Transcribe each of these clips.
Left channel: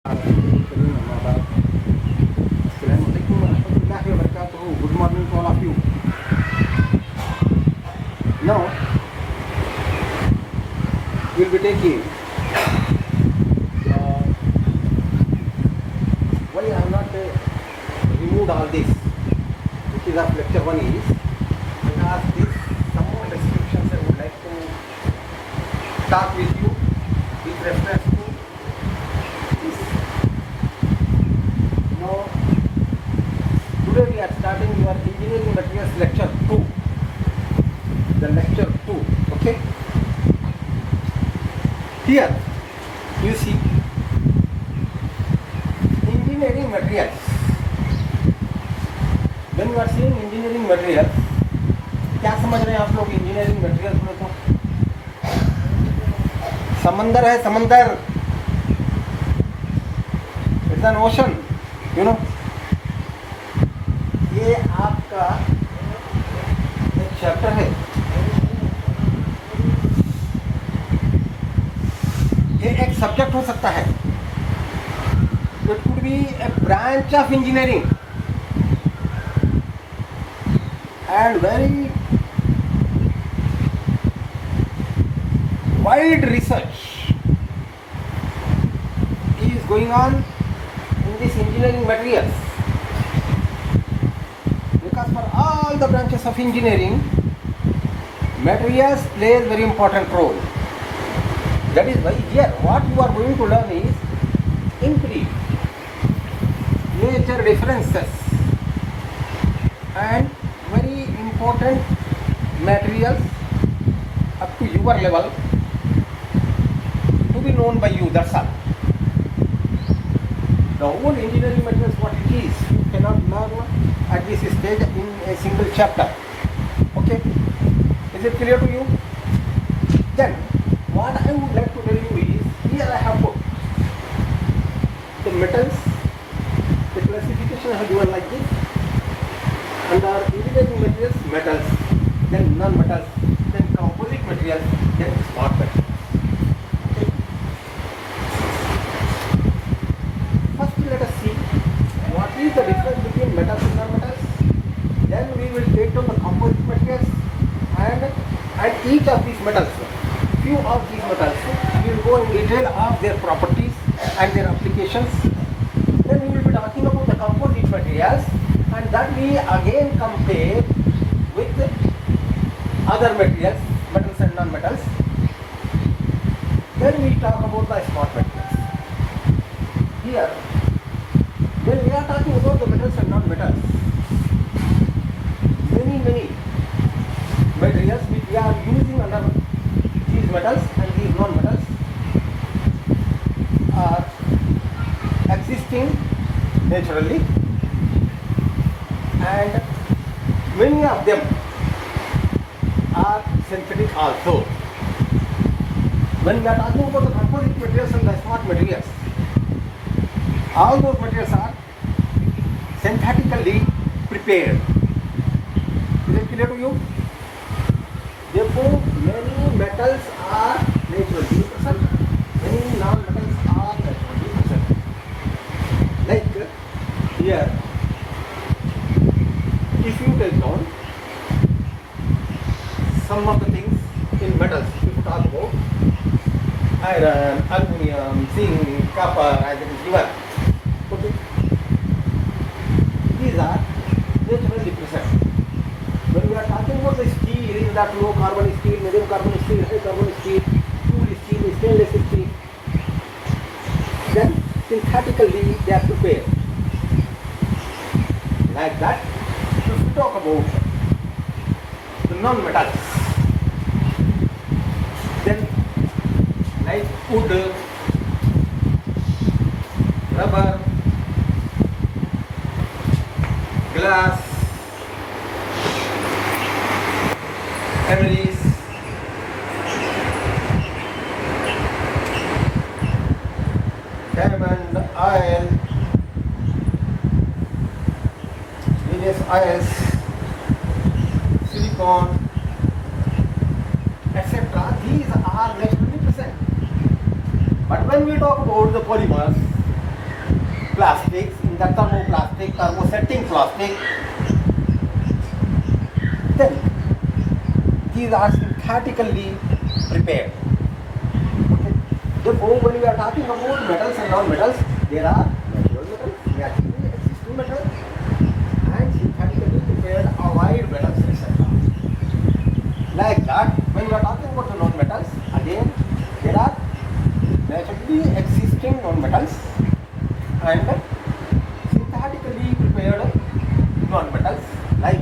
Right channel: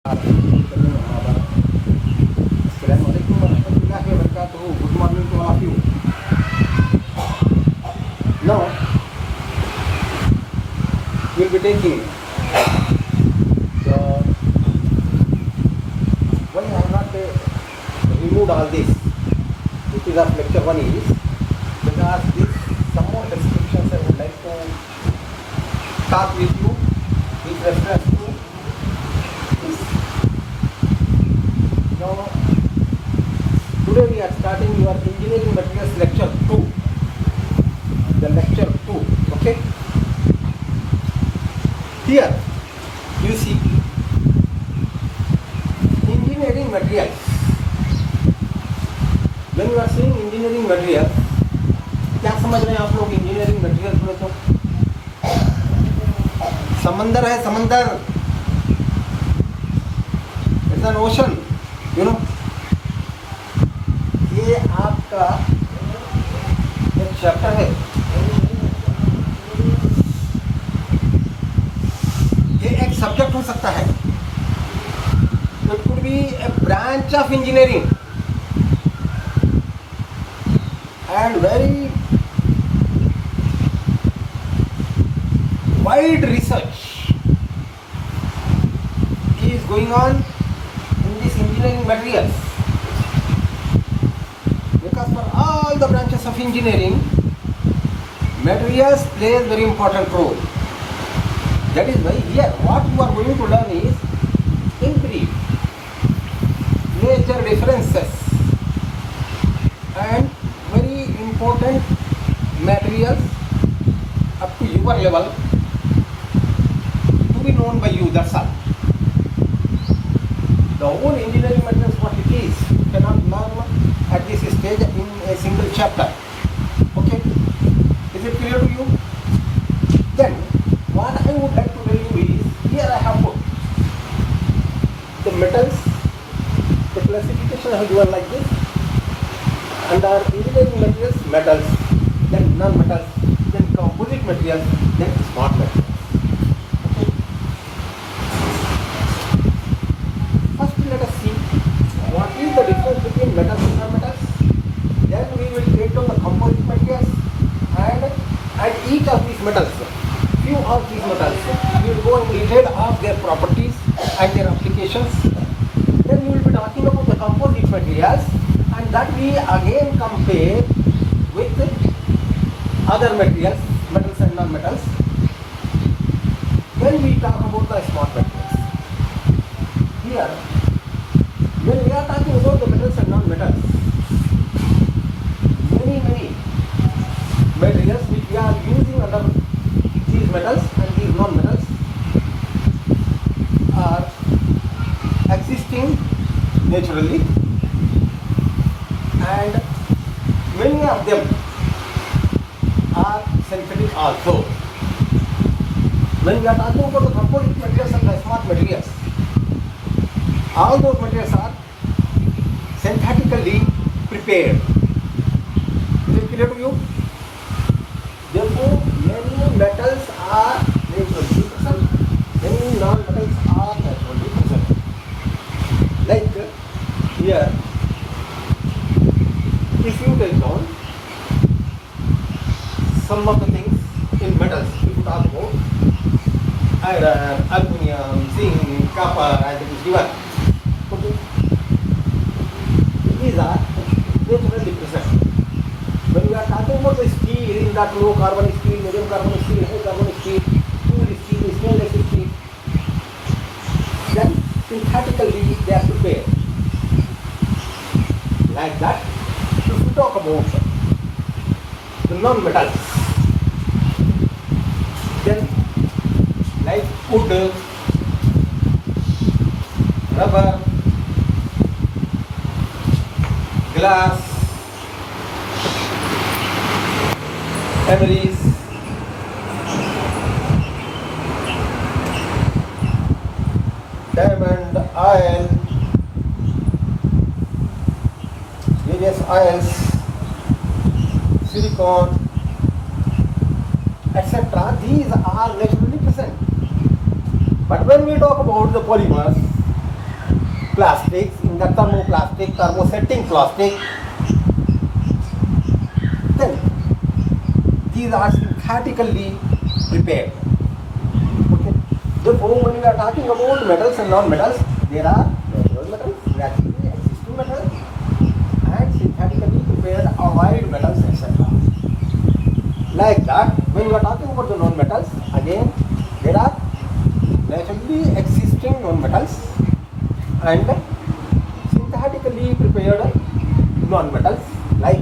Assalamualaikum warahmatullahi wabarakatuh. Good morning to all of you. Now, we'll be taking the why I have not removed all this. This is of lecture 1 is because this some more descriptions I would like to talk with you with reference to this. Now, today we are starting your engineering materials lecture 2. The lecture 2, okay? Here, you see, engineering materials. When you are seeing engineering materials, क्या समझ रहे हैं आप लोग engineering materials में? तो समंदर है, समंदर, it's an ocean, you know. ये आपका एक चैप्टर है, ये एक सब्जेक्ट हो सकता है. It could be A branch of engineering and very wide research is going on in this engineering materials, because for all the branches of engineering, materials plays very important role. That is why here what you are going to learn is in brief major differences and very important materials up to your level to be known by you, that's all. The whole engineering materials, what it is, you cannot learn at this stage in a single chapter. Okay? Is it clear to you? Then, what I would like to tell you is, here I have put the metals, the classification I have given like this, under engineering materials, metals, then non-metals, then composite materials, then smart materials. First, let us see what is the difference between metals and non-metals. Then we will take down the composite materials, and at each of these metals, few of these metals, we will go in detail of their properties and their applications. Then we will be talking about the composite materials, and that we again compare with other materials, metals and non-metals. Then we talk about the smart materials. Here, when we are talking about the metals and non-metals, many materials which we are using under these metals and these non-metals are existing naturally, and many of them are synthetic also. When we are talking about the composite materials and the smart materials, all those materials are synthetically prepared. Is it clear to you? Therefore, many metals are naturally present, many non-metals are naturally present. Like here, if you take down some of the things in metals, if you talk about iron, aluminum, zinc, copper, as it is given. Okay. These are naturally present. When we are talking about the steel, in that low carbon steel, medium carbon steel, high carbon steel, tool steel, stainless steel, then synthetically they are prepared. Like that, if we talk about the non-metals, then like wood, rubber, glass, emeries, diamond, oil, various oils, silicon, etc. These are naturally present. But when we talk about the polymers, plastics, in the thermoplastic, thermosetting plastic, then these are synthetically prepared. Okay. Therefore, when we are talking about metals and non-metals, there are natural metals, naturally existing metals, and synthetically prepared allied metals, etc. Like that, when we are talking about the non-metals, again there are naturally existing non-metals and synthetically prepared non-metals like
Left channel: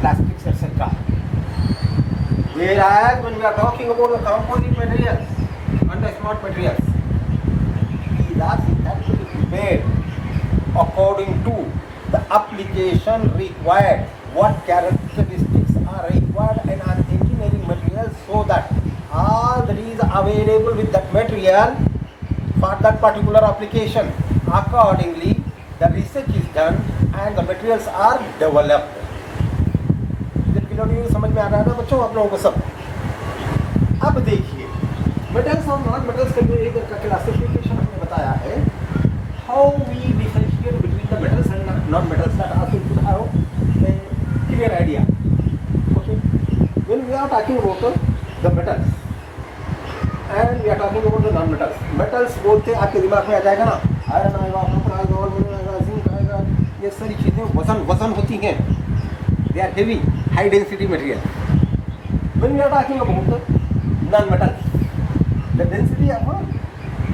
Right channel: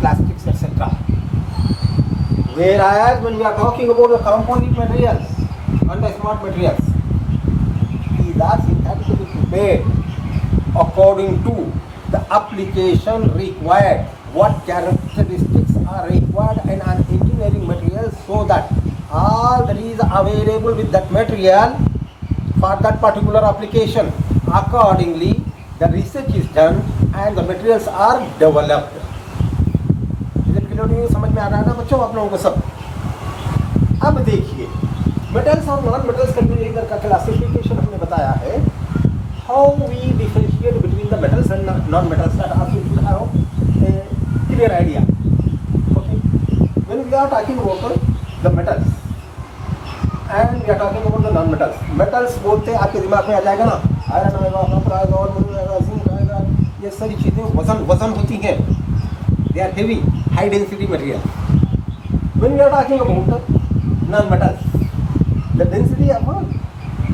plastics, etc. Whereas when we are talking about the composite materials and the smart materials, these are synthetically prepared according to the application required, what characteristics are required in an engineering material, so that all that is available with that material for that particular application. Accordingly, the research is done and the materials are developed. समझ में आ रहा है ना बच्चों आप लोगों को सब? अब देखिए मेटल्स और नॉन मेटल्स का जो एक का क्लासिफिकेशन हमने बताया है, how we differentiate between the metals and non metals, that also you should have a clear idea. Okay, when we are talking about the metals and we are talking about the non metals, metals बोलते आपके दिमाग में आ जाएगा ना, iron आएगा, copper आएगा, और zinc आएगा, ये सारी चीजें वजन होती हैं. They are heavy, high density material. When we are talking about non-metals, the density of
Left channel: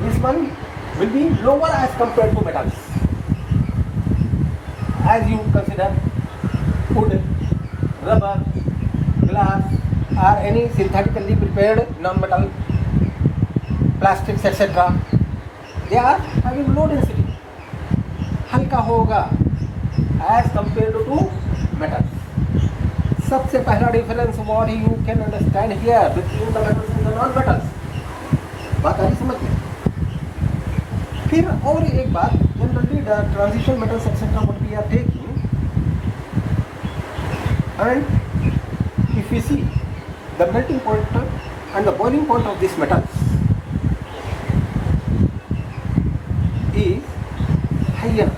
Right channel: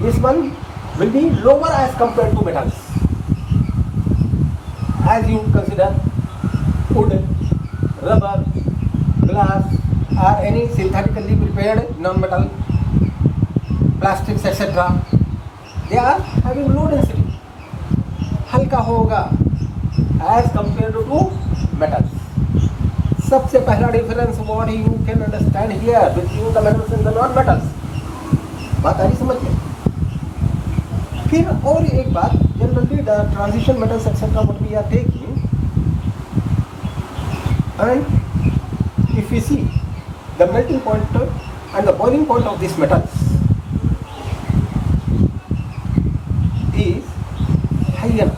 this one will be lower as compared to metals. As you consider wood, rubber, glass, or any synthetically prepared non-metal, plastics, etc. They are having low density. हल्का होगा as compared to metals. सबसे पहला difference what you can understand here between the metals and the non metals, बात आ रही समझ में? फिर और एक बात, generally the transition metals etcetera what we are taking, and if you see the melting point and the boiling point of this metals is higher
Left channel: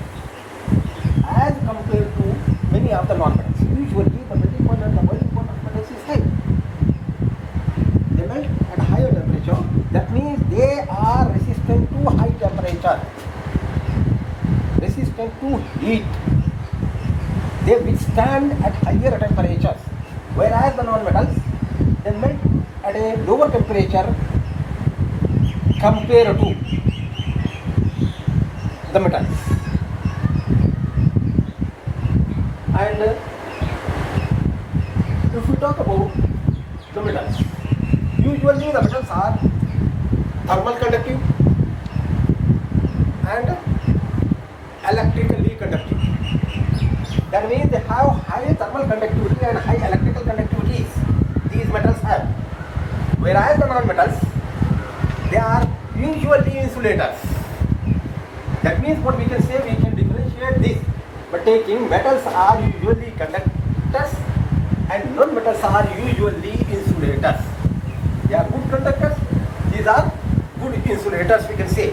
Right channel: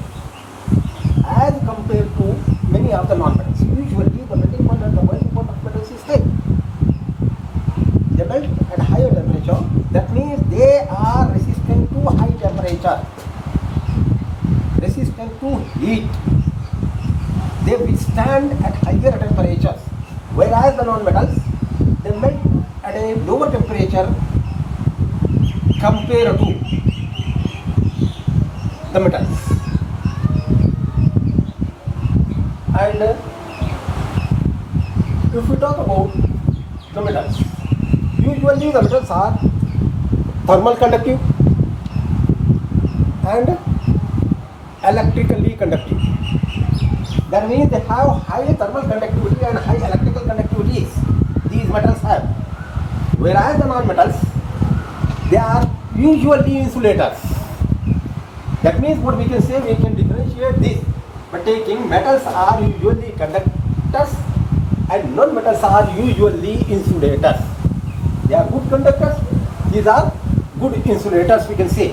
as compared to many of the non-metals. Usually the melting point and the boiling point of metals is high. They melt at higher temperature. That means they are resistant to high temperature, resistant to heat. They withstand at higher temperatures. Whereas the non-metals, they melt at a lower temperature compared to the metals. And if we talk about the metals, usually the metals are thermal conductive and electrically conductive. That means they have high thermal conductivity and high electrical conductivities. These metals have. Whereas the non-metals, they are usually insulators. That means what we can say, we can differentiate this by taking metals are usually conductors and non-metals are usually insulators. They are good conductors, these are good insulators, we can say.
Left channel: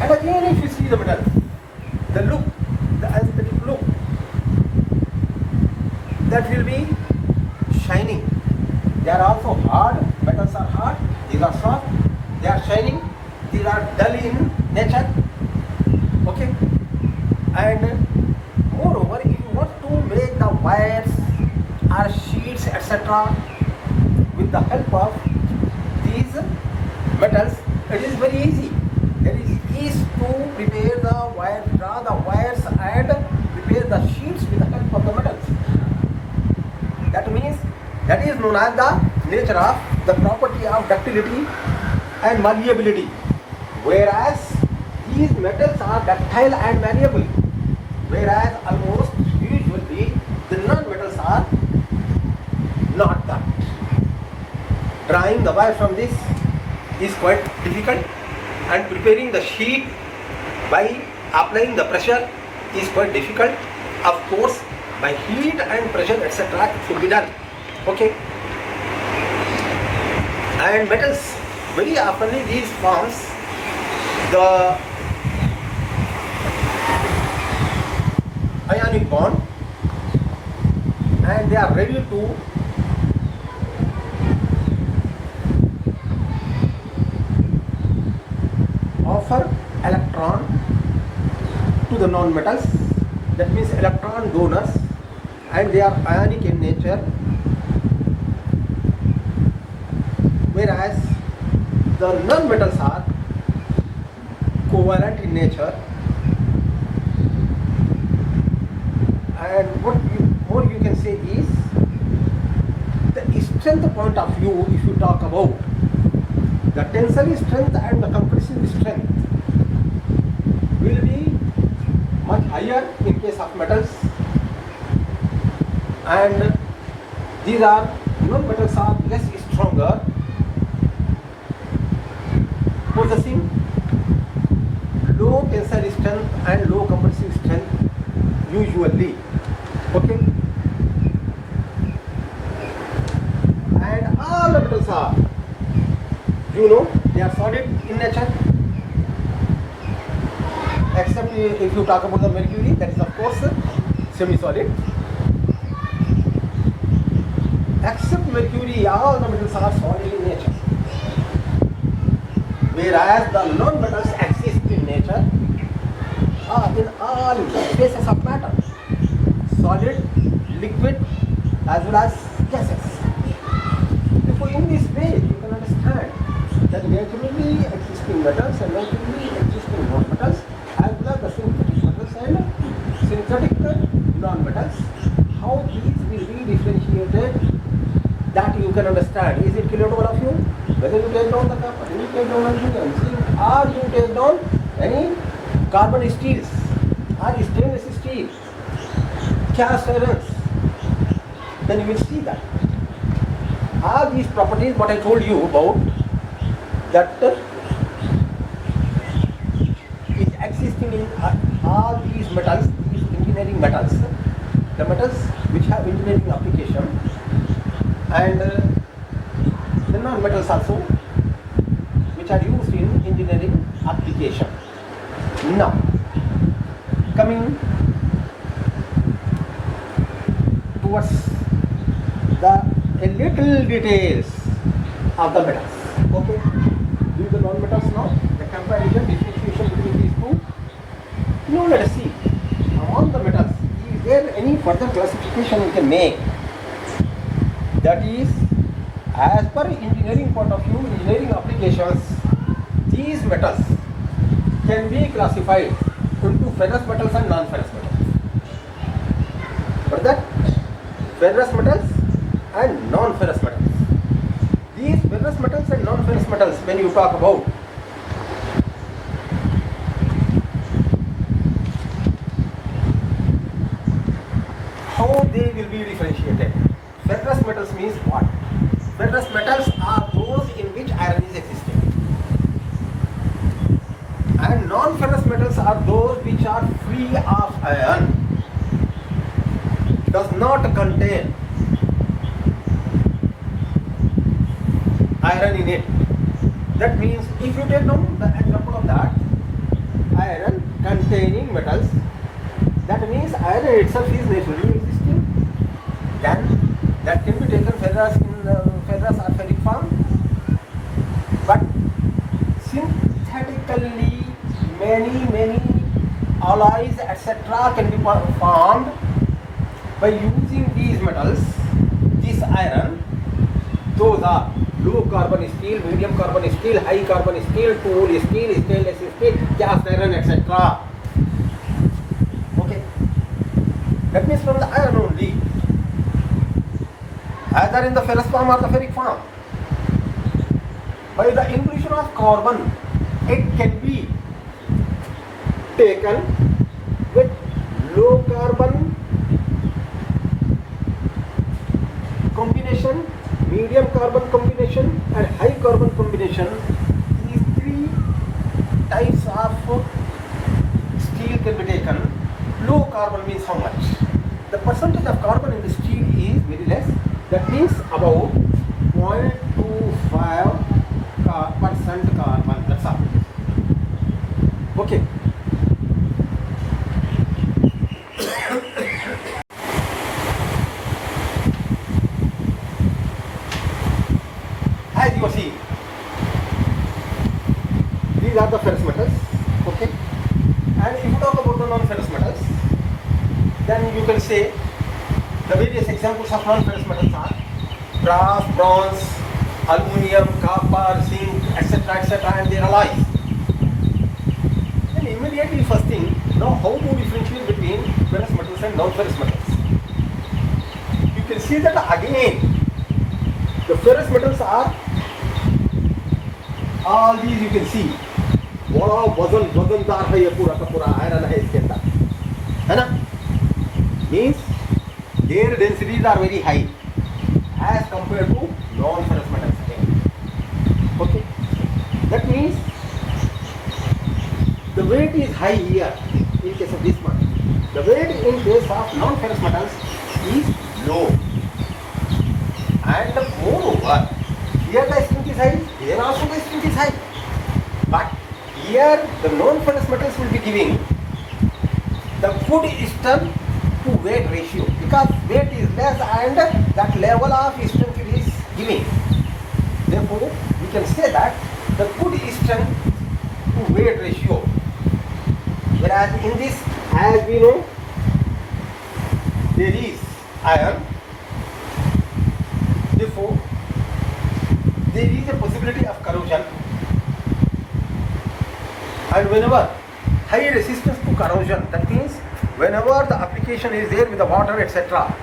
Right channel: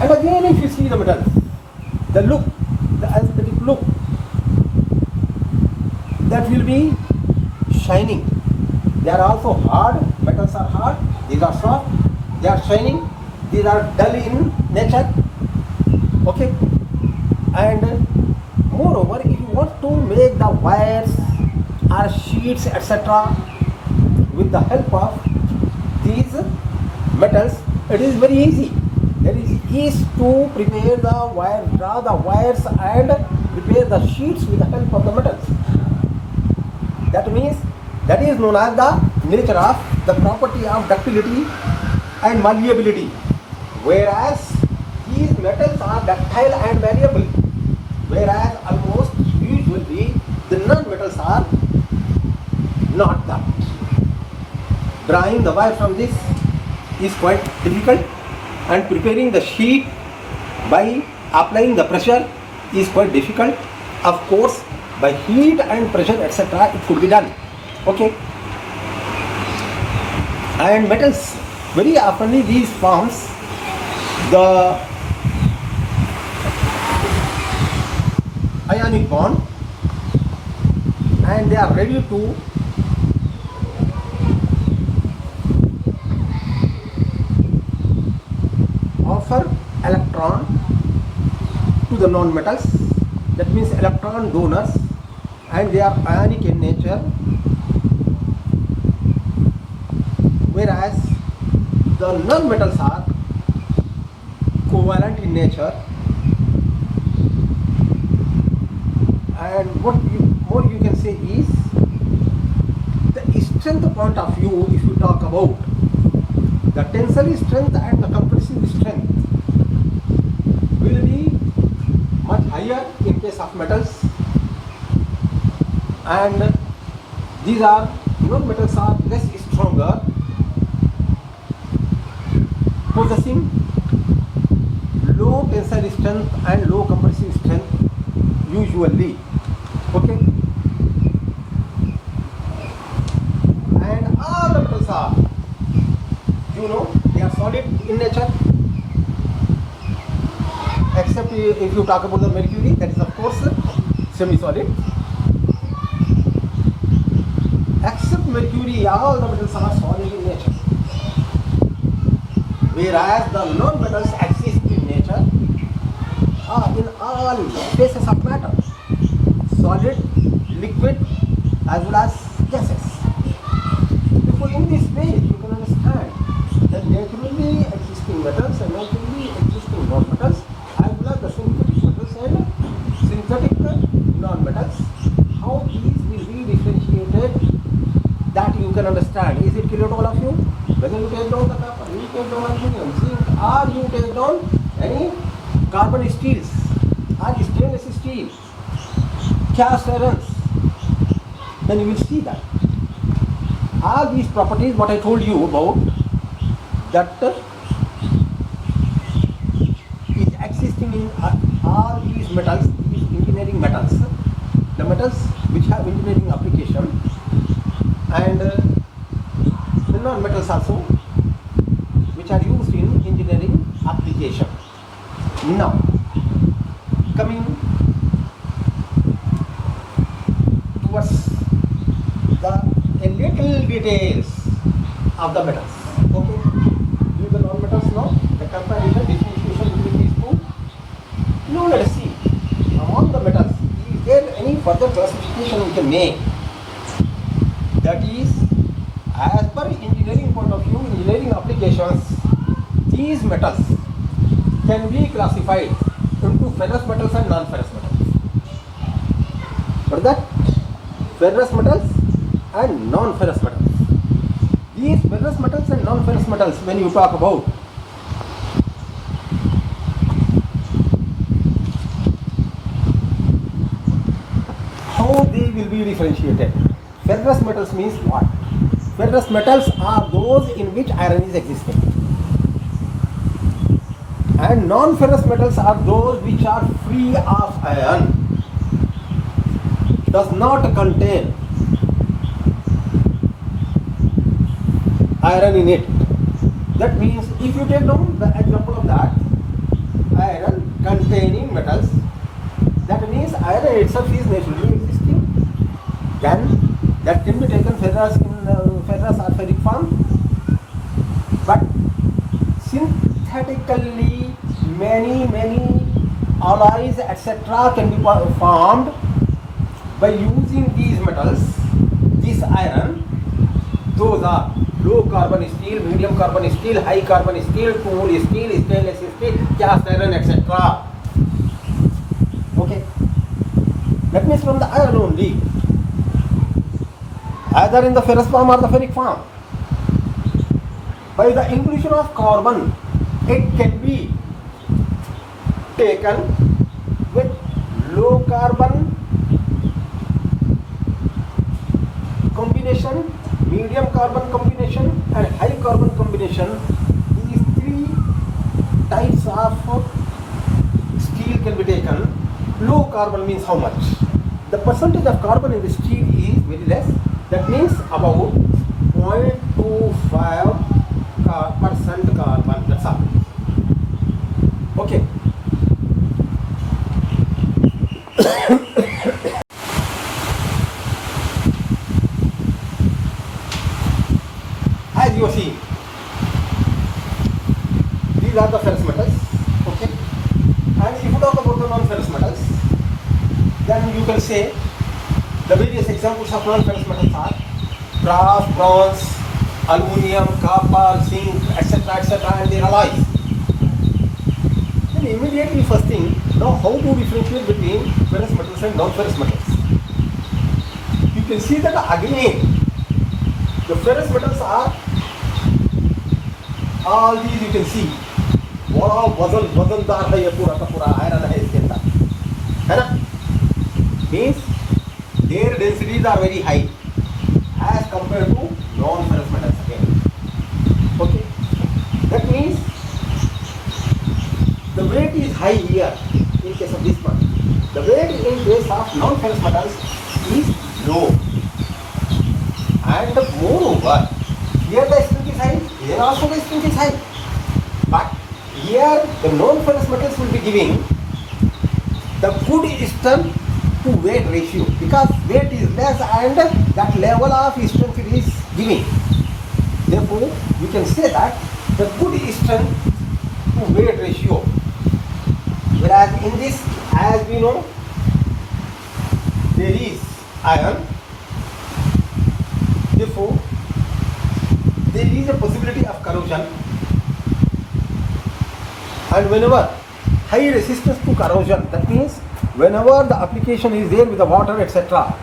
And again, if you see the metals, the look, the aesthetic look, that will be shining. They are also hard, metals are hard, these are soft, they are shining, these are dull in nature. Okay, and moreover, if you want to make the wires or sheets, etc., with the help of these metals, it is very easy. There is ease to prepare the wire, draw the wires, and prepare the sheets with the help of the metals. That means that is known as the nature of the property of ductility and malleability. Whereas these metals are ductile and malleable, whereas almost usually the non-metals are not that. Drawing the wire from this is quite difficult, and preparing the sheet by applying the pressure is quite difficult. Of course, by heat and pressure, etc., it could be done. Okay, and metals, very often these forms, the ionic bond, and they are ready to offer electron to the non-metals. That means electron donors, and they are ionic in nature, whereas the non-metals are covalent in nature. And what you can say is, the strength point of view, if you talk about the tensile strength and the compressive strength, will be much higher in case of metals, and these are non-metals are less stronger, possessing low tensile strength and low compressive strength usually. Okay, and all the metals are, they are solid in nature, except if you talk about the mercury, that is of course semi-solid. Except mercury, all the metals are solid in nature, whereas the non-metals exist in nature in all phases of matter, solid, liquid, as well as gases. Therefore, in this way, you can understand that naturally existing metals and naturally existing non-metals, as well as the synthetic metals and synthetic non-metals, how these will be differentiated, that you can understand. Is it clear to all of you? Whether you take down the copper, you take down aluminum, zinc, or you take down any carbon steels or stainless steel, cast irons, then you will see that all these properties what I told you about, that is existing in all these metals, these engineering metals, the metals which have engineering application, and the non-metals also which are used in engineering application. Now, coming towards a little details of the metals. Okay, these are the non-metals now. The comparison, differentiation between these two. Now let us see, among the metals, is there any further classification we can make? That is, as per engineering point of view, engineering applications, these metals can be classified into ferrous metals and non-ferrous metals. What is that? Ferrous metals and non-ferrous metals. These ferrous metals and non-ferrous metals, when you talk about, how they will be differentiated. Ferrous metals means what? Ferrous metals are those in which iron is existing, and non-ferrous metals are those which are free of iron, does not contain iron in it. That means, if you take down the example of that, iron containing metals, that means iron itself is naturally existing, then that can be taken ferrous in ferrous or ferric form. But synthetically many alloys etc. can be formed by using these metals, this iron. Those are low carbon steel, medium carbon steel, high carbon steel, tool steel, stainless steel, cast iron etc. Okay, that means from the iron only, either in the ferrous form or the ferric form. By the inclusion of carbon, it can be taken with low carbon combination, medium carbon combination and high carbon combination. These three types of steel can be taken. Low carbon means how much? The percentage of carbon in the steel is very less. That means about 0.25% carbon. That's all. Okay. As you see, these are the ferrous metals, okay. And if you talk about the non-ferrous metals, then you can say the various examples of non-ferrous metals are brass, bronze, aluminium, copper, zinc, etc., and their alloys. Then immediately first thing, now how to differentiate between ferrous metals and non-ferrous metals? You can see that again, the ferrous metals are all these, you can see बड़ा वजनदार है, ये पूरा का पूरा iron है इसके अंदर, है ना. Means their densities are very high as compared to non-ferrous metals again. Okay, that means the weight is high here in case of this one. The weight in case of non-ferrous metals is low, and moreover here the strength is high, here also the strength is high. But here the non-ferrous metals will be giving the good strength to weight ratio, because weight is less and that level of strength is giving. Therefore, we can say that the good strength to weight ratio. Whereas in this, as we know, there is iron. Therefore, there is a possibility of corrosion. And whenever high resistance to corrosion, that means whenever the application is there with the water, etc.,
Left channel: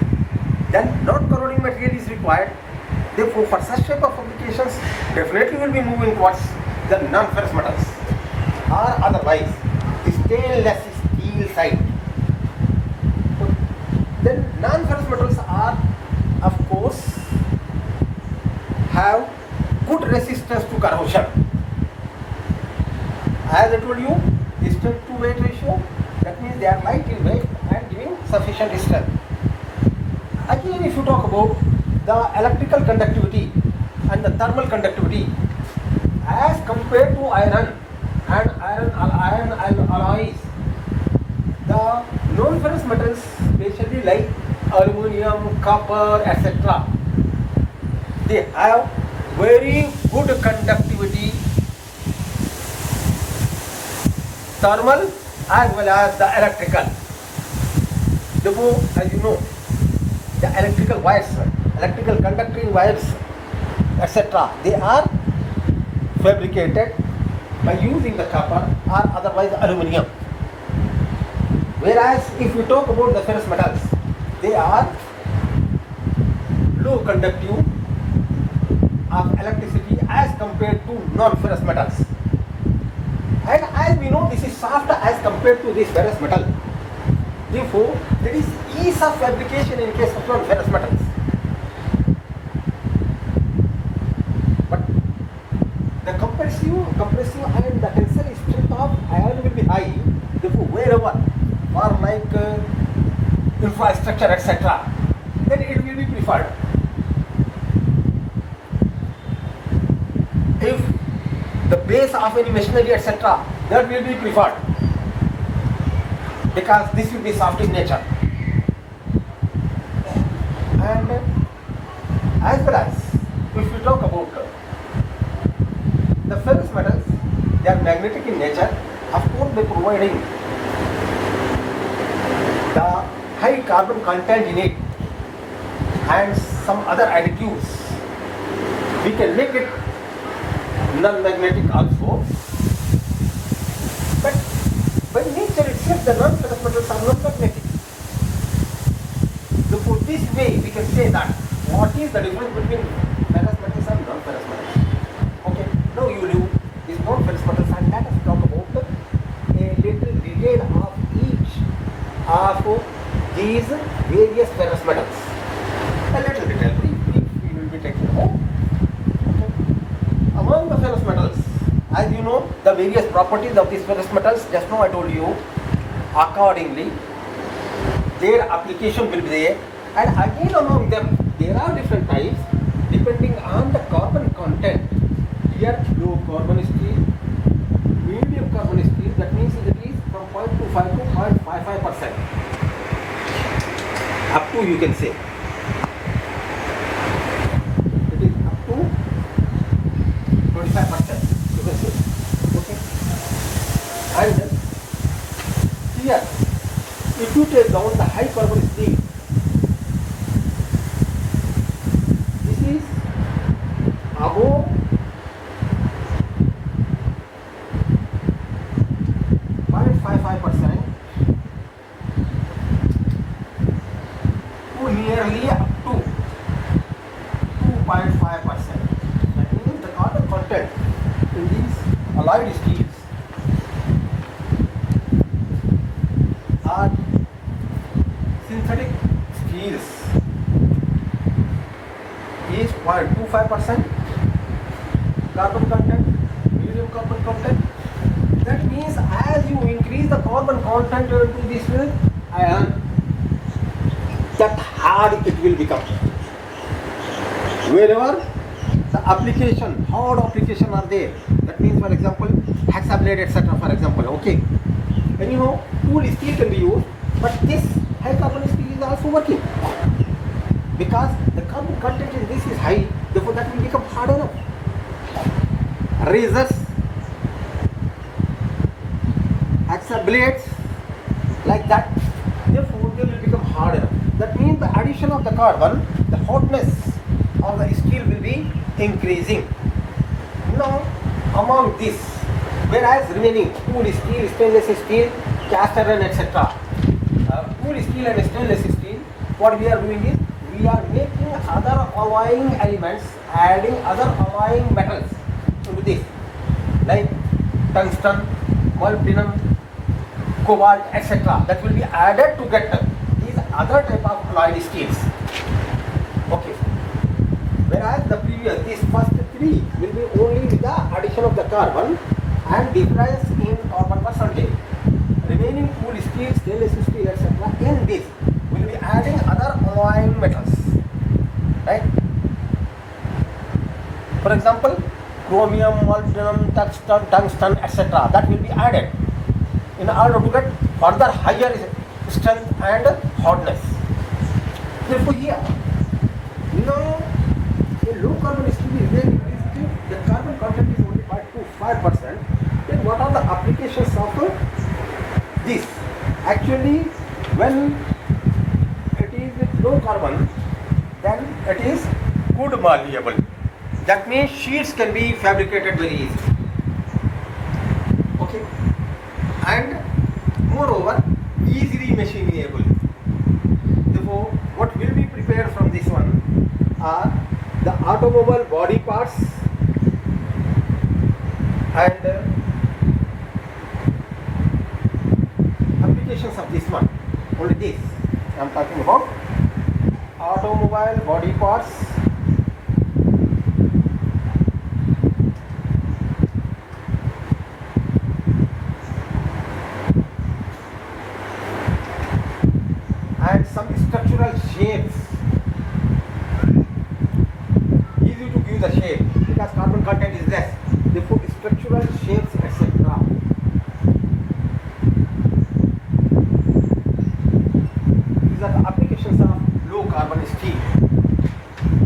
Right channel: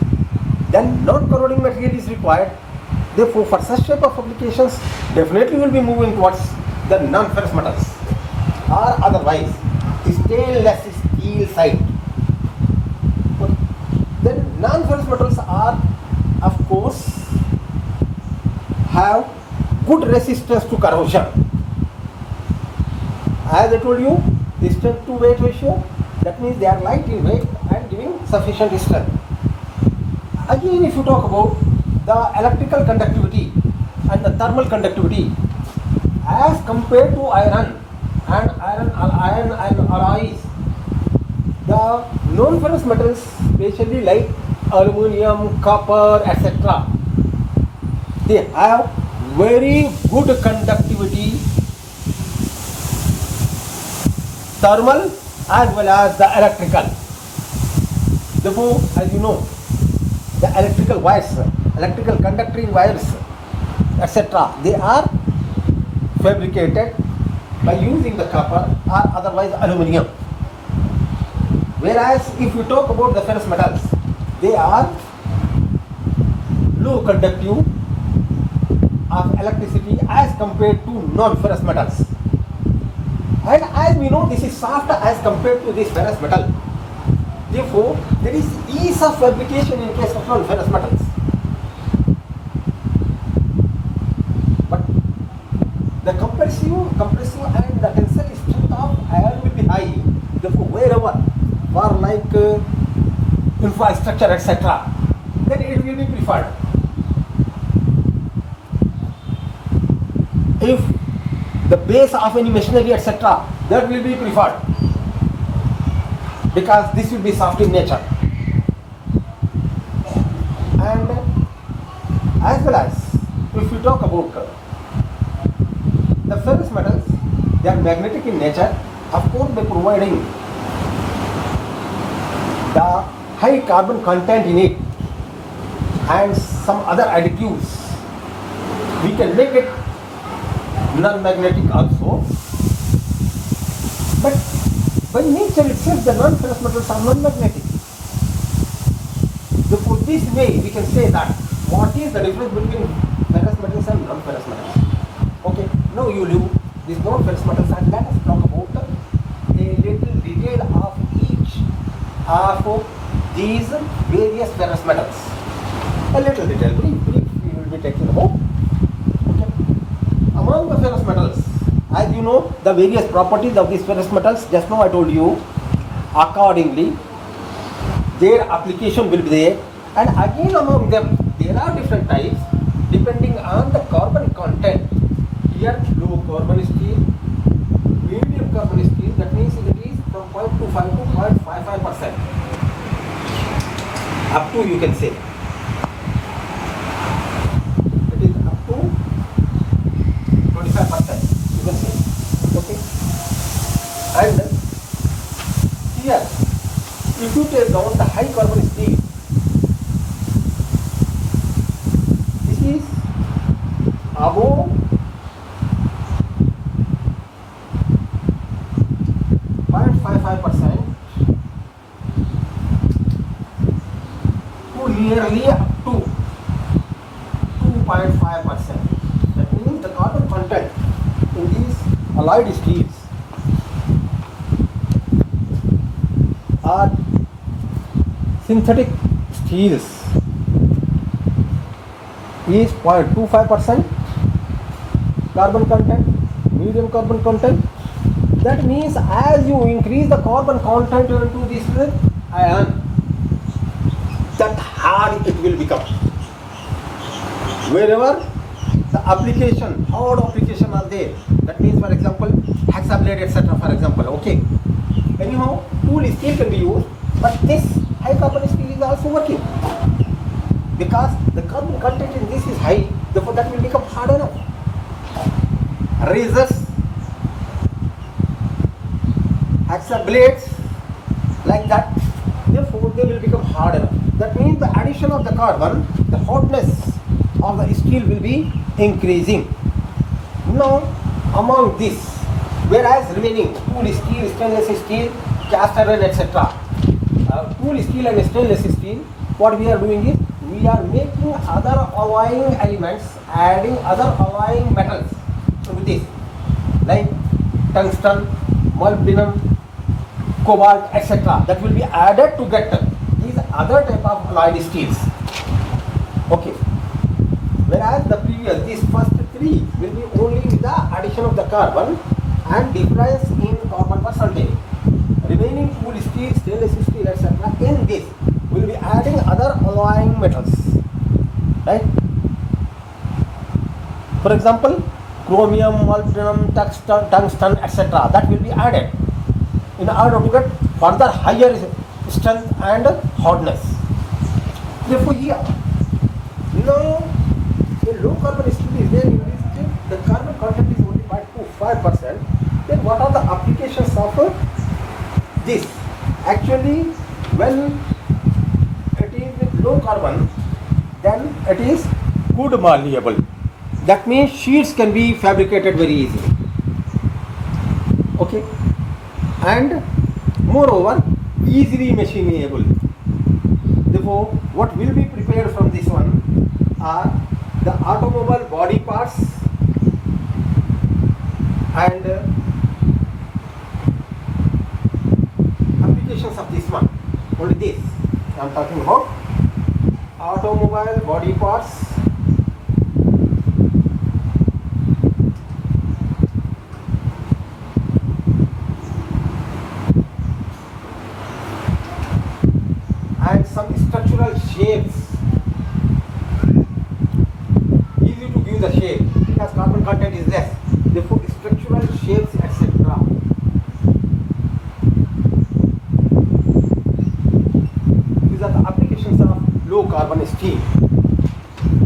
then non-corroding material is required. Therefore, for such type of applications, definitely will be moving towards the non-ferrous metals, or otherwise stainless steel side. Then non-ferrous metals are, of course, have good resistance to corrosion. As I told you, strength to weight ratio, that means they are light in weight and giving sufficient strength. Again, if you talk about the electrical conductivity and the thermal conductivity as compared to iron and alloys, the non-ferrous metals, especially like aluminium, copper, etc., they have very good conductivity, thermal as well as the electrical. Therefore, as you know, the electrical wires, electrical conducting wires, etc., they are fabricated by using the copper or otherwise aluminium. Whereas if we talk about the ferrous metals, they are low conductive of electricity as compared to non-ferrous metals. And as we know, this is softer as compared to this ferrous metal. Therefore, there is ease of fabrication in case of non-ferrous metals. But the compressive and the tensile strength of iron will be high. Therefore, wherever for like infrastructure, etc., then it will be preferred. If the base of any machinery, etc., that will be preferred, because this will be soft in nature. And as well as if you talk about the ferrous metals, they are magnetic in nature, of course by providing the high carbon content in it and some other additives, we can make it non-magnetic also. But by nature itself, the non-ferrous metals are non-magnetic. Therefore, this way we can say that what is the difference between ferrous metals and non-ferrous metals. Okay, now you knew these non-ferrous metals, and let us talk about a little detail of each of these various ferrous metals. A little detail, brief we will be taking about. Among the ferrous metals, as you know, the various properties of these ferrous metals, just now I told you, accordingly, their application will be there. And again among them, there are different types depending on the carbon content. Here, low carbon steel, medium carbon steel, that means it is from 0.25 to 0.55%. up to, you can say. It is up to 25%, you can say. Okay. And here, if you take down the high carbon steel, this is above 0.55% to nearly up to 2.5%. That means the carbon content in these alloyed steels are synthetic steels is 0.25% carbon content, medium carbon content. That means as you increase the carbon content into this iron, that hard it will become. Wherever the application, hard application are there, that means for example hexablade etc. for example, okay. Anyhow, tool steel can be used, but this high carbon steel is also working. Because the carbon content in this is high, therefore that will become hard enough. Razors, hexablades, like that, therefore they will become hard enough. That means the addition of the carbon, the hardness of the steel will be increasing. Now, among this, whereas remaining tool steel, stainless steel, cast iron, etc. Tool steel and stainless steel, what we are doing is, we are making other alloying elements, adding other alloying metals into this, like tungsten, molybdenum, cobalt, etc. That will be added to get these other type of alloyed steels. Okay. Whereas the previous, these first three will be only with the addition of the carbon and difference in carbon percentage. Remaining tool steel, stainless steel, etc. in this will be adding other alloying metals. Right? For example, chromium, molybdenum, tungsten, etc. That will be added in order to get further higher strength and hardness. Therefore, here, now a low carbon steel is there in this case, the carbon content is only 5%. Then what are the applications of this? Actually, when it is low carbon, then it is good malleable. That means sheets can be fabricated very easily. Okay, and moreover easily machinable. Therefore, what will be prepared from this one are the automobile body parts and applications of this one. Only this I am talking about. Automobile body parts and some structural shapes. Easy to give the shape because carbon content is less. Therefore, structural shapes, etc. These are the applications of low carbon steel.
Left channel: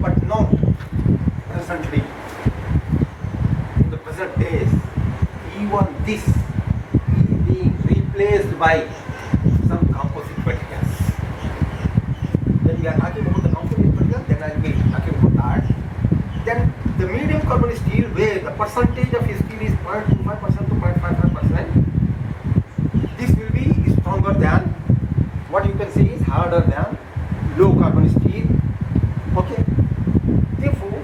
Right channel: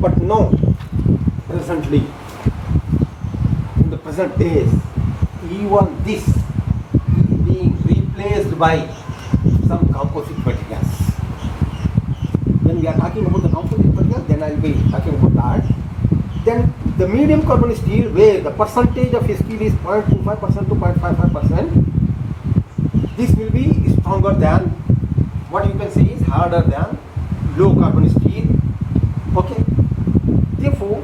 But no, presently, in the present days, even this is being replaced by some composite materials. When we are talking about the composite materials, then I will be talking about that. Then the medium carbon steel, where the percentage of steel is 0.25% to 0.55%, this will be stronger than, what you can say is harder than low carbon steel. Okay. Therefore,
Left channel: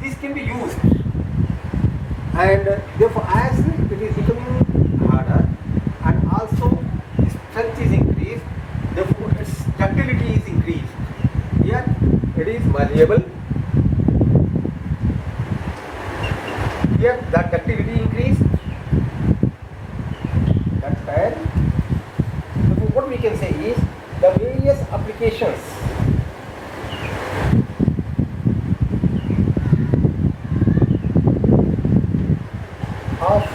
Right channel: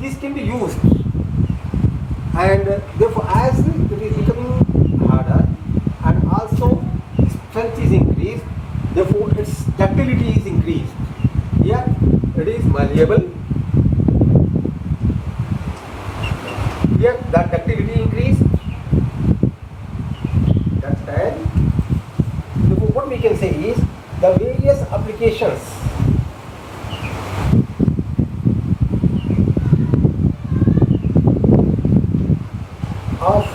this can be used, and therefore as it is becoming harder and also strength is increased, therefore its ductility is increased. Here it is malleable. Here the ductility increased. That's time. Therefore, what we can say is the various applications of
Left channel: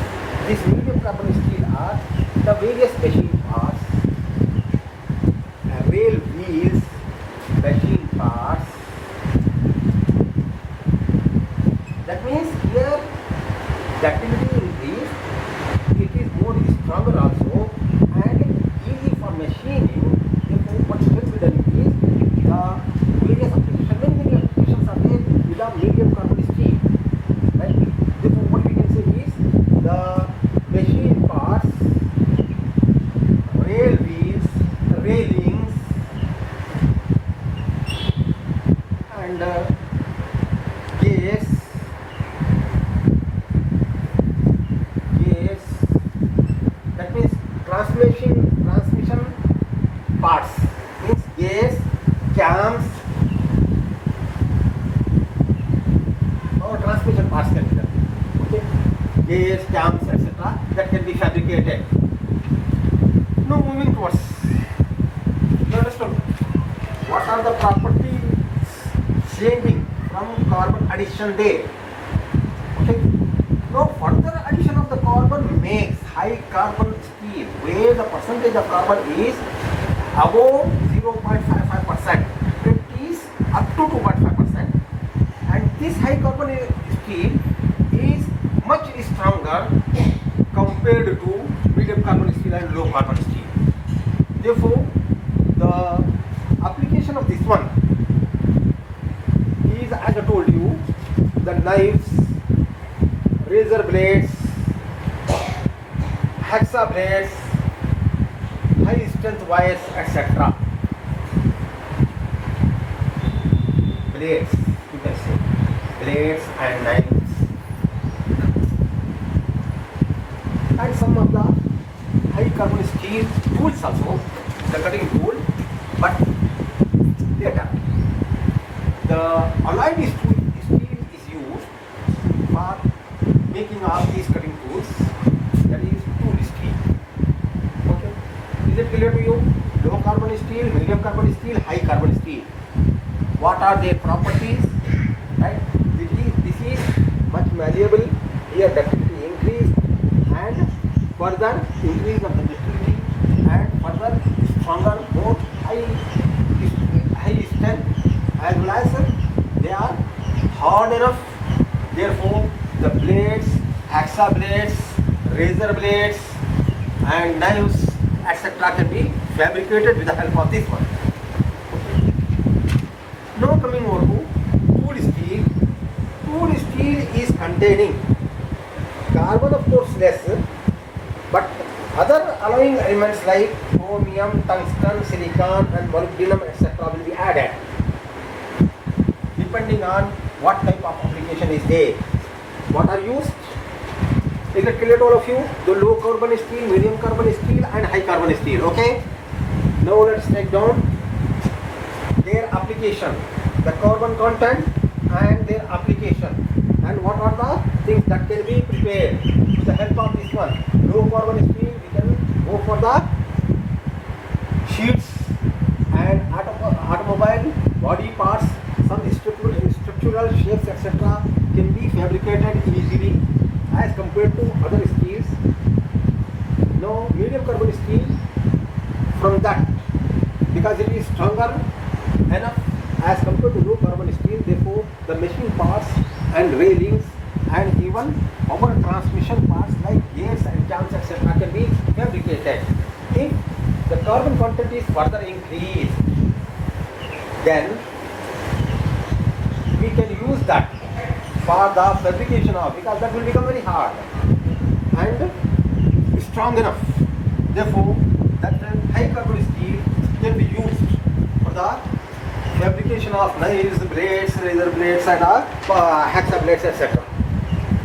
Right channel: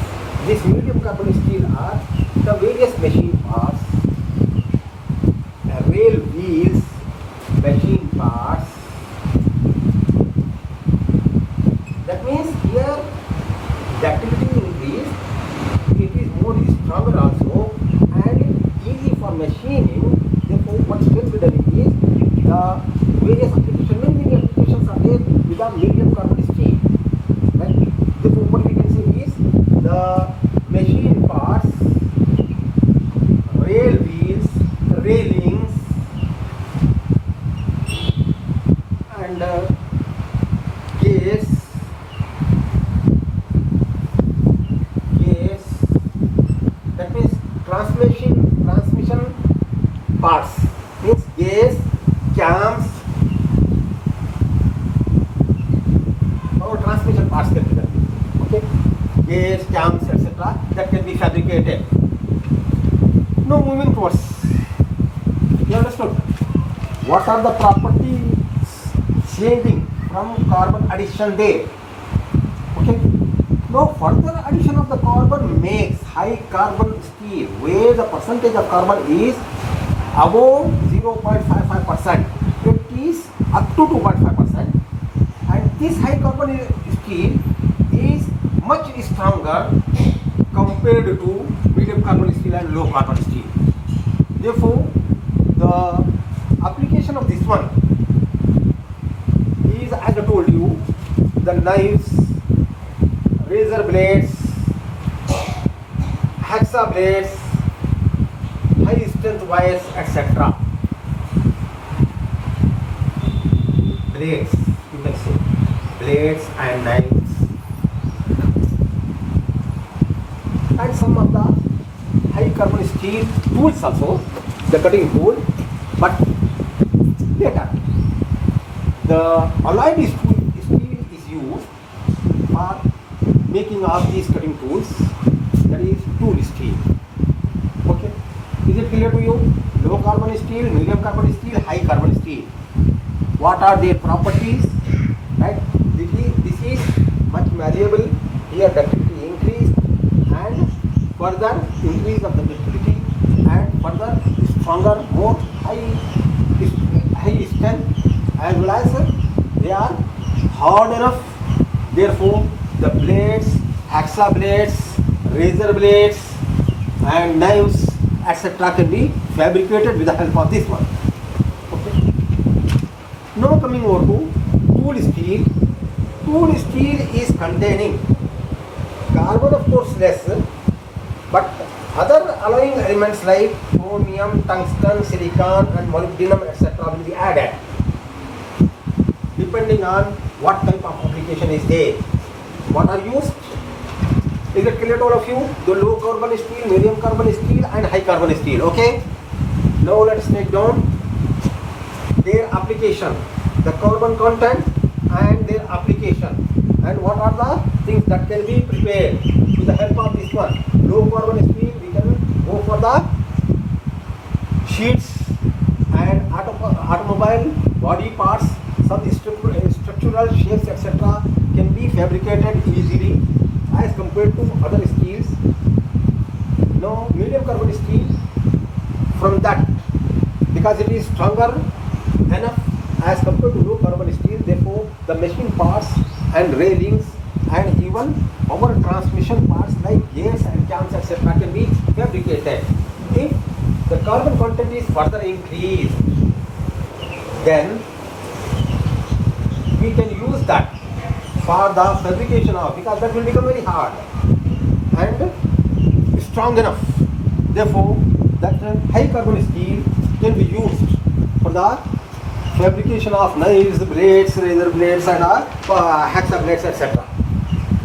this medium carbon steel are the various machine parts, rail wheels, machine parts. That means here the activity increase, it is more stronger also and easy for machining. Therefore, what will be done is the various applications, many applications are there with a medium carbon steel. Right? Therefore, what we can say is the machine parts, rail wheels, railings, and gears, that means transmission parts, means gears, cams, or transmission parts can be done. Okay, gears, cams, etc. that can be fabricated. Now moving towards, you understood what are the properties saving from carbon addition there. Okay. Now further addition of the carbon makes high carbon steel where the percentage of carbon is above 0.55%. It is up to 2.5%, and this high carbon steel is much stronger compared to medium carbon steel and low carbon steel. Therefore, the application of this one is, as I told you, the knives, razor blades, hacksaw blades, high strength wires, etc. Blades, you can say, blades and knives, and some of the high carbon steel tools also, the cutting tool. But later, the alloyed steel is used for making of these cutting tools, that is tool steel. Okay, is it clear to you? Low carbon steel, medium carbon steel, high carbon steel. What are their properties? Right? This is much malleable. Here ductility increased, and further increase of the ductility, and further stronger, more high strength, as well as they are hard enough. Therefore, the blades, hacksaw blades, razor blades, and knives, etc. can be fabricated with the help of this one. Okay. Now coming over to tool steel. Tool steel is containing carbon, of course, less, but other alloying elements like chromium, tungsten, silicon, and molybdenum, etc. will be added depending on what type of application is there. What are used? Is it clear to all of you? The low carbon steel, medium carbon steel, and high carbon steel. Okay. Now let's take down their application, the carbon content and their application, and what are the things that can be prepared with the help of this one. Low carbon steel, we can go for the sheets and automobile body parts. Some structural shapes, etc. can be fabricated easily as compared to other steels. Now, medium carbon steel, from that, because it is stronger enough as compared to low carbon steel, therefore the machine parts and railings and even power transmission parts like gears and cams, etc. can be fabricated. If the carbon content is further increased, then we can use that for the fabrication of, because that will become very hard and strong enough. Therefore, that high carbon steel can be used for the fabrication of knives, blades, razor blades, and hacksaw blades, etc.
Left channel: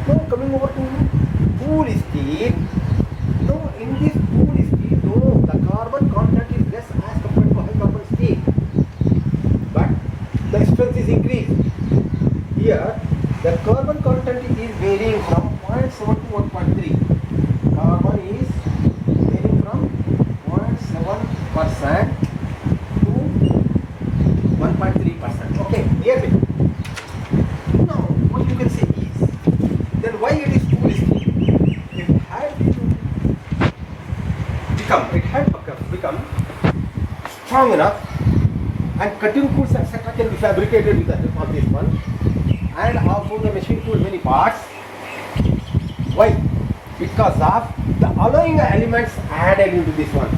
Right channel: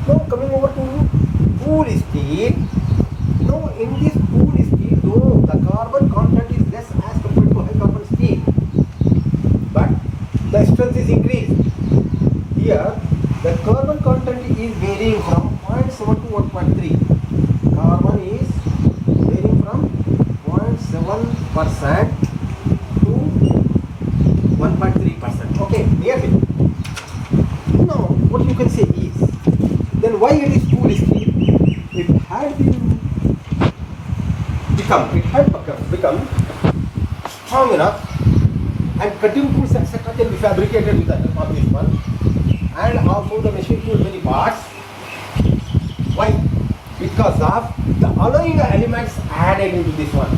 Now coming over to tool steel. Now in this tool steel, though the carbon content is less as compared to high carbon steel, but the strength is increased. Here, the carbon content is varying from 0.7 to 1.3. Carbon is varying from 0.7% to 1.3%. Okay, nearly. Now, what you can say is, then why it is tool steel? It had become strong enough and cutting tools etc. can be fabricated with the help of this one, and also the machine tool many parts. Why? Because of the alloying elements added into this one.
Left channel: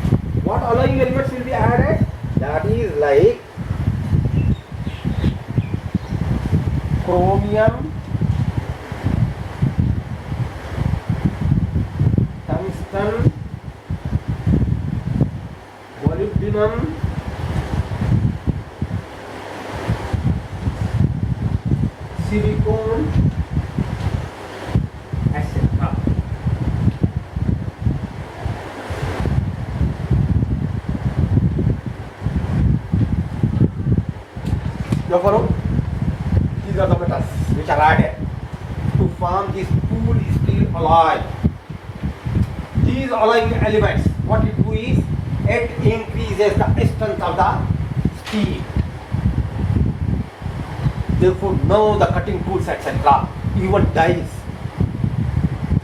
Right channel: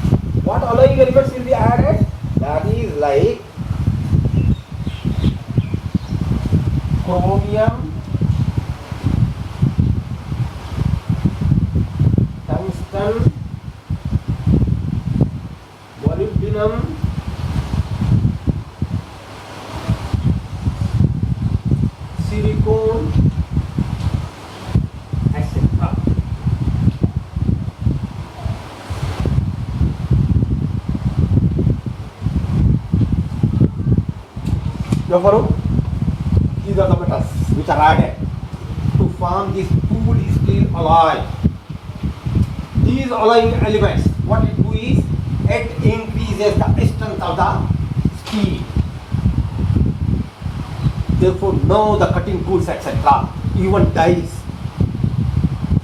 What alloying elements will be added? That is like chromium, tungsten, molybdenum, silicone, etc. You follow? These are the metals which are added to form this tool steel alloy. These alloying elements, what it do is, it increases the strength of the steel. Therefore, now the cutting tools etc., even dies,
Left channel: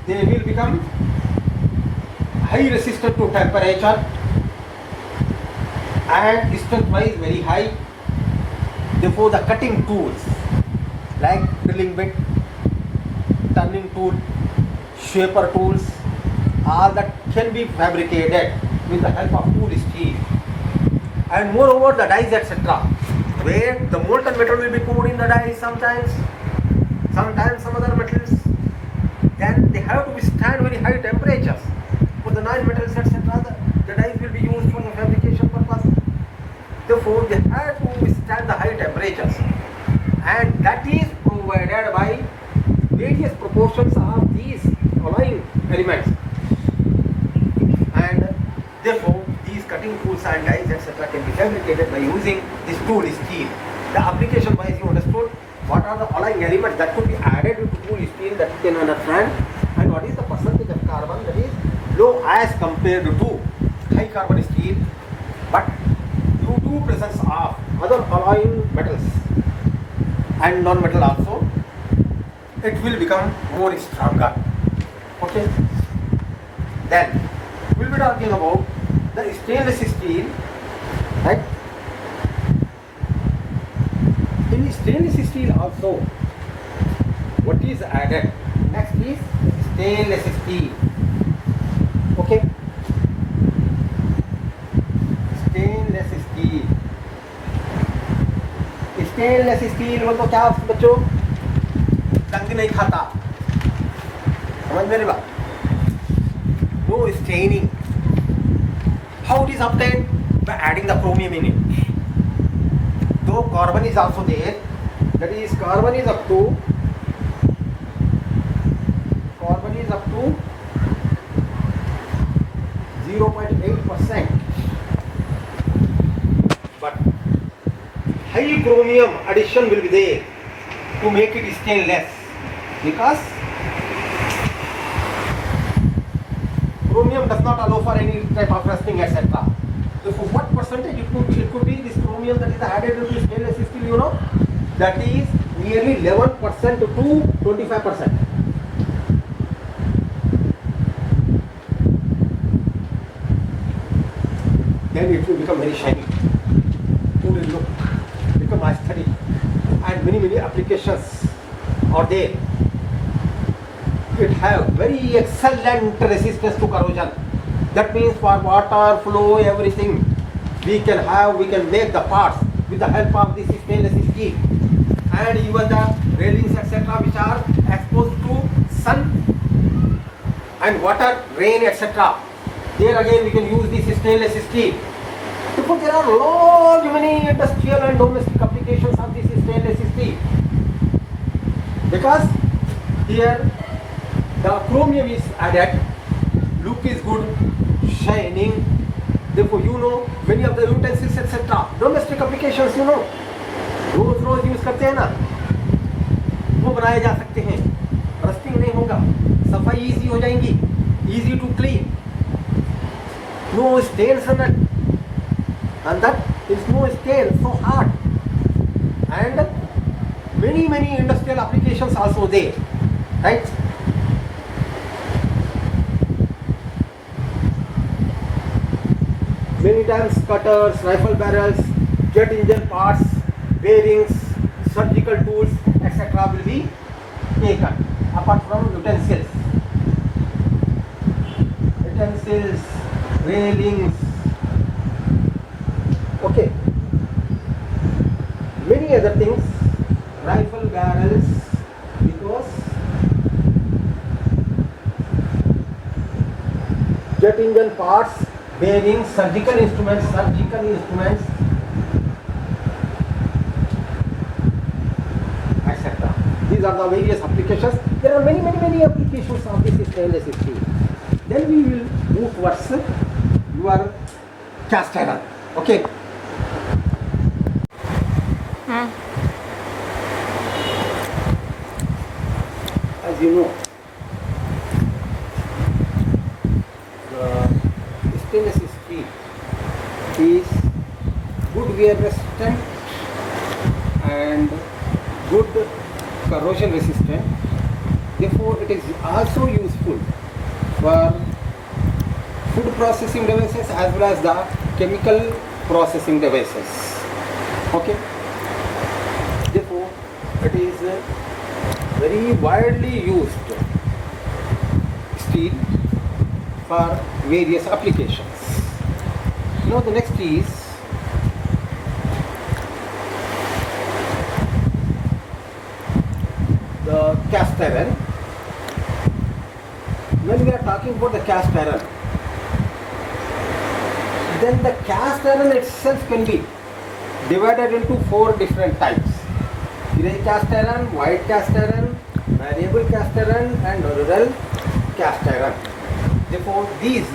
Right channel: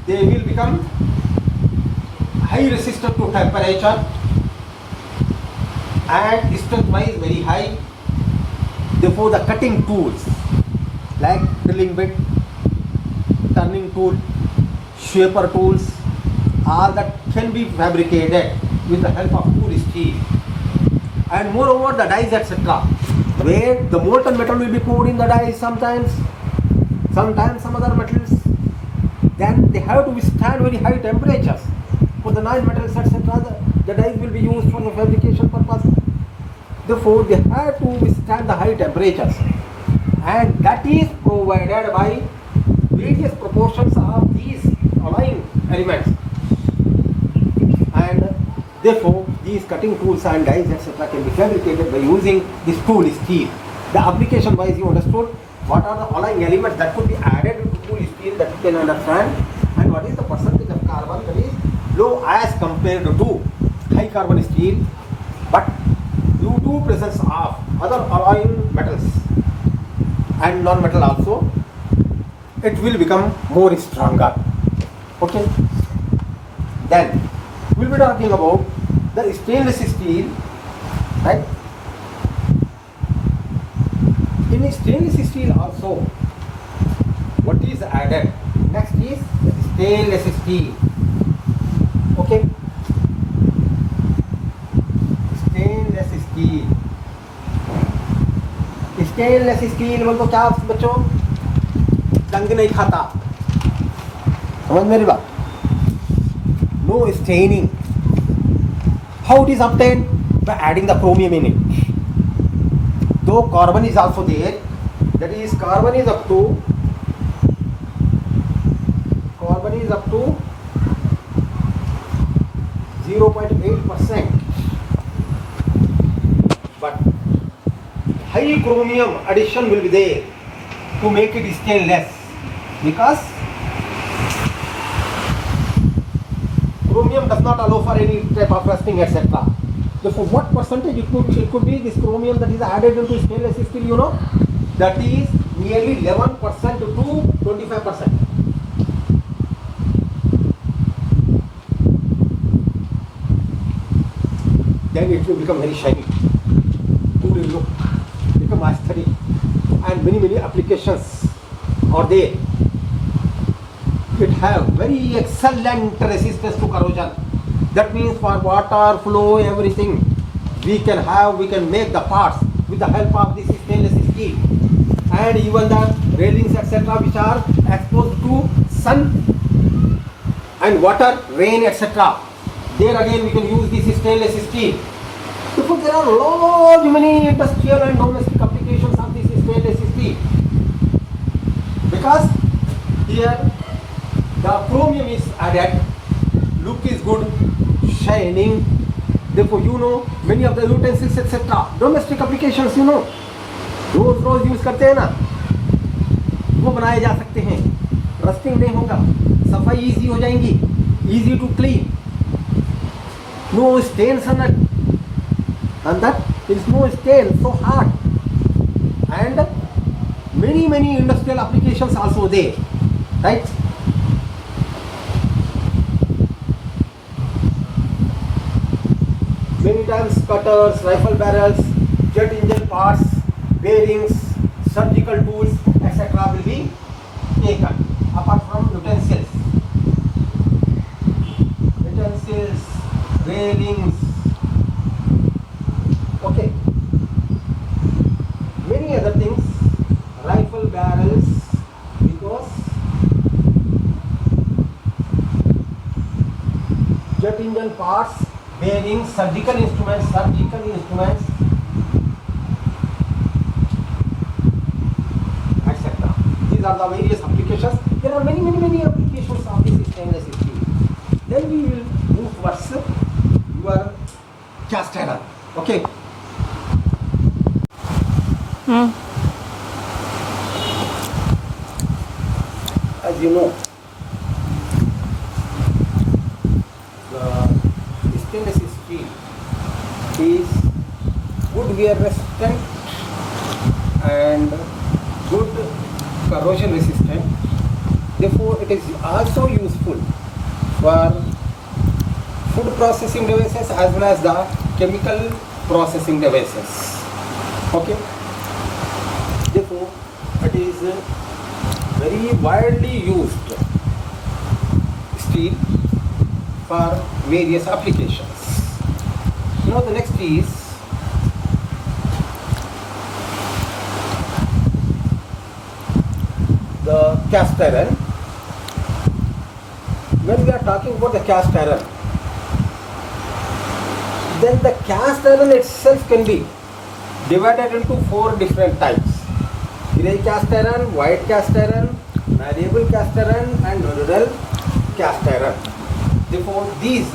they will become high resistant to temperature and strength wise very high. Therefore, the cutting tools like drilling bit, turning tool, shaper tools, all that can be fabricated with the help of tool steel. And moreover, the dies etc., where the molten metal will be poured in the dies sometimes some other metals, then they have to withstand very high temperatures. For the non-metals etc., the dies will be used for the fabrication purpose. Therefore, they have to withstand the high temperatures, and that is provided by various proportions of these alloying elements. And therefore, these cutting tools and dies etc. can be fabricated by using this tool steel. The application wise you understood what are the alloying elements that could be added to tool steel, that you can understand, and what is the percentage of carbon that is low as compared to high carbon steel. But due to presence of other alloying metals and non-metal also, it will become more stronger. Okay. Then we will be talking about the stainless steel, right? In stainless steel also, what is added? Next is stainless steel. Okay. Stainless steel बोल तो क्या बच्चों, जंग नहीं खाता, समझ मेरी बात. No staining. How it is obtained? By adding the chromium in it. Though carbon is also there, that is carbon is up to 0.8%. But high chromium addition will be there to make it stainless, because chromium does not allow for any type of rusting etc. Therefore, what percentage it could be this chromium that is added into stainless steel, you know, that is nearly 11% to 25%. Then it will become very shiny. It will look, become aesthetic, and many applications are there. It have very excellent resistance to corrosion. That means for water flow, everything we can make the parts with the help of this stainless steel. And even the railings etc. which are exposed to sun and water, rain etc., there again we can use this stainless steel. Therefore, there are many industrial and domestic applications of this stainless steel, because here the chromium is added, look is good, shining. Therefore, you know, many of the utensils etc., domestic applications, you know, रोज use करते हैं ना, वो बनाए जा सकते हैं. Rusting नहीं होगा, सफाई इजी हो जाएंगी, easy to clean, no stains on it, and that is no stain, so hard, and many industrial applications also there, right? Many times cutters, rifle barrels, jet engine parts, bearings, surgical tools, etc. will be taken, apart from utensils, railings, okay, many other things, rifle barrels, because jet engine parts, bearings, surgical instruments, etc. These are the various applications. There are many applications of this stainless steel. Then we will move towards your cast iron. Okay. As you know, the stainless steel is good wear resistant and good corrosion resistant. Therefore, it is also useful for food processing devices as well as the chemical processing devices. Okay. Therefore, it is very widely used steel for various applications. Now the next is the cast iron. When we are talking about the cast iron, then the cast iron itself can be divided into 4 different types: grey cast iron, white cast iron, malleable cast iron, and rural cast iron. Therefore, these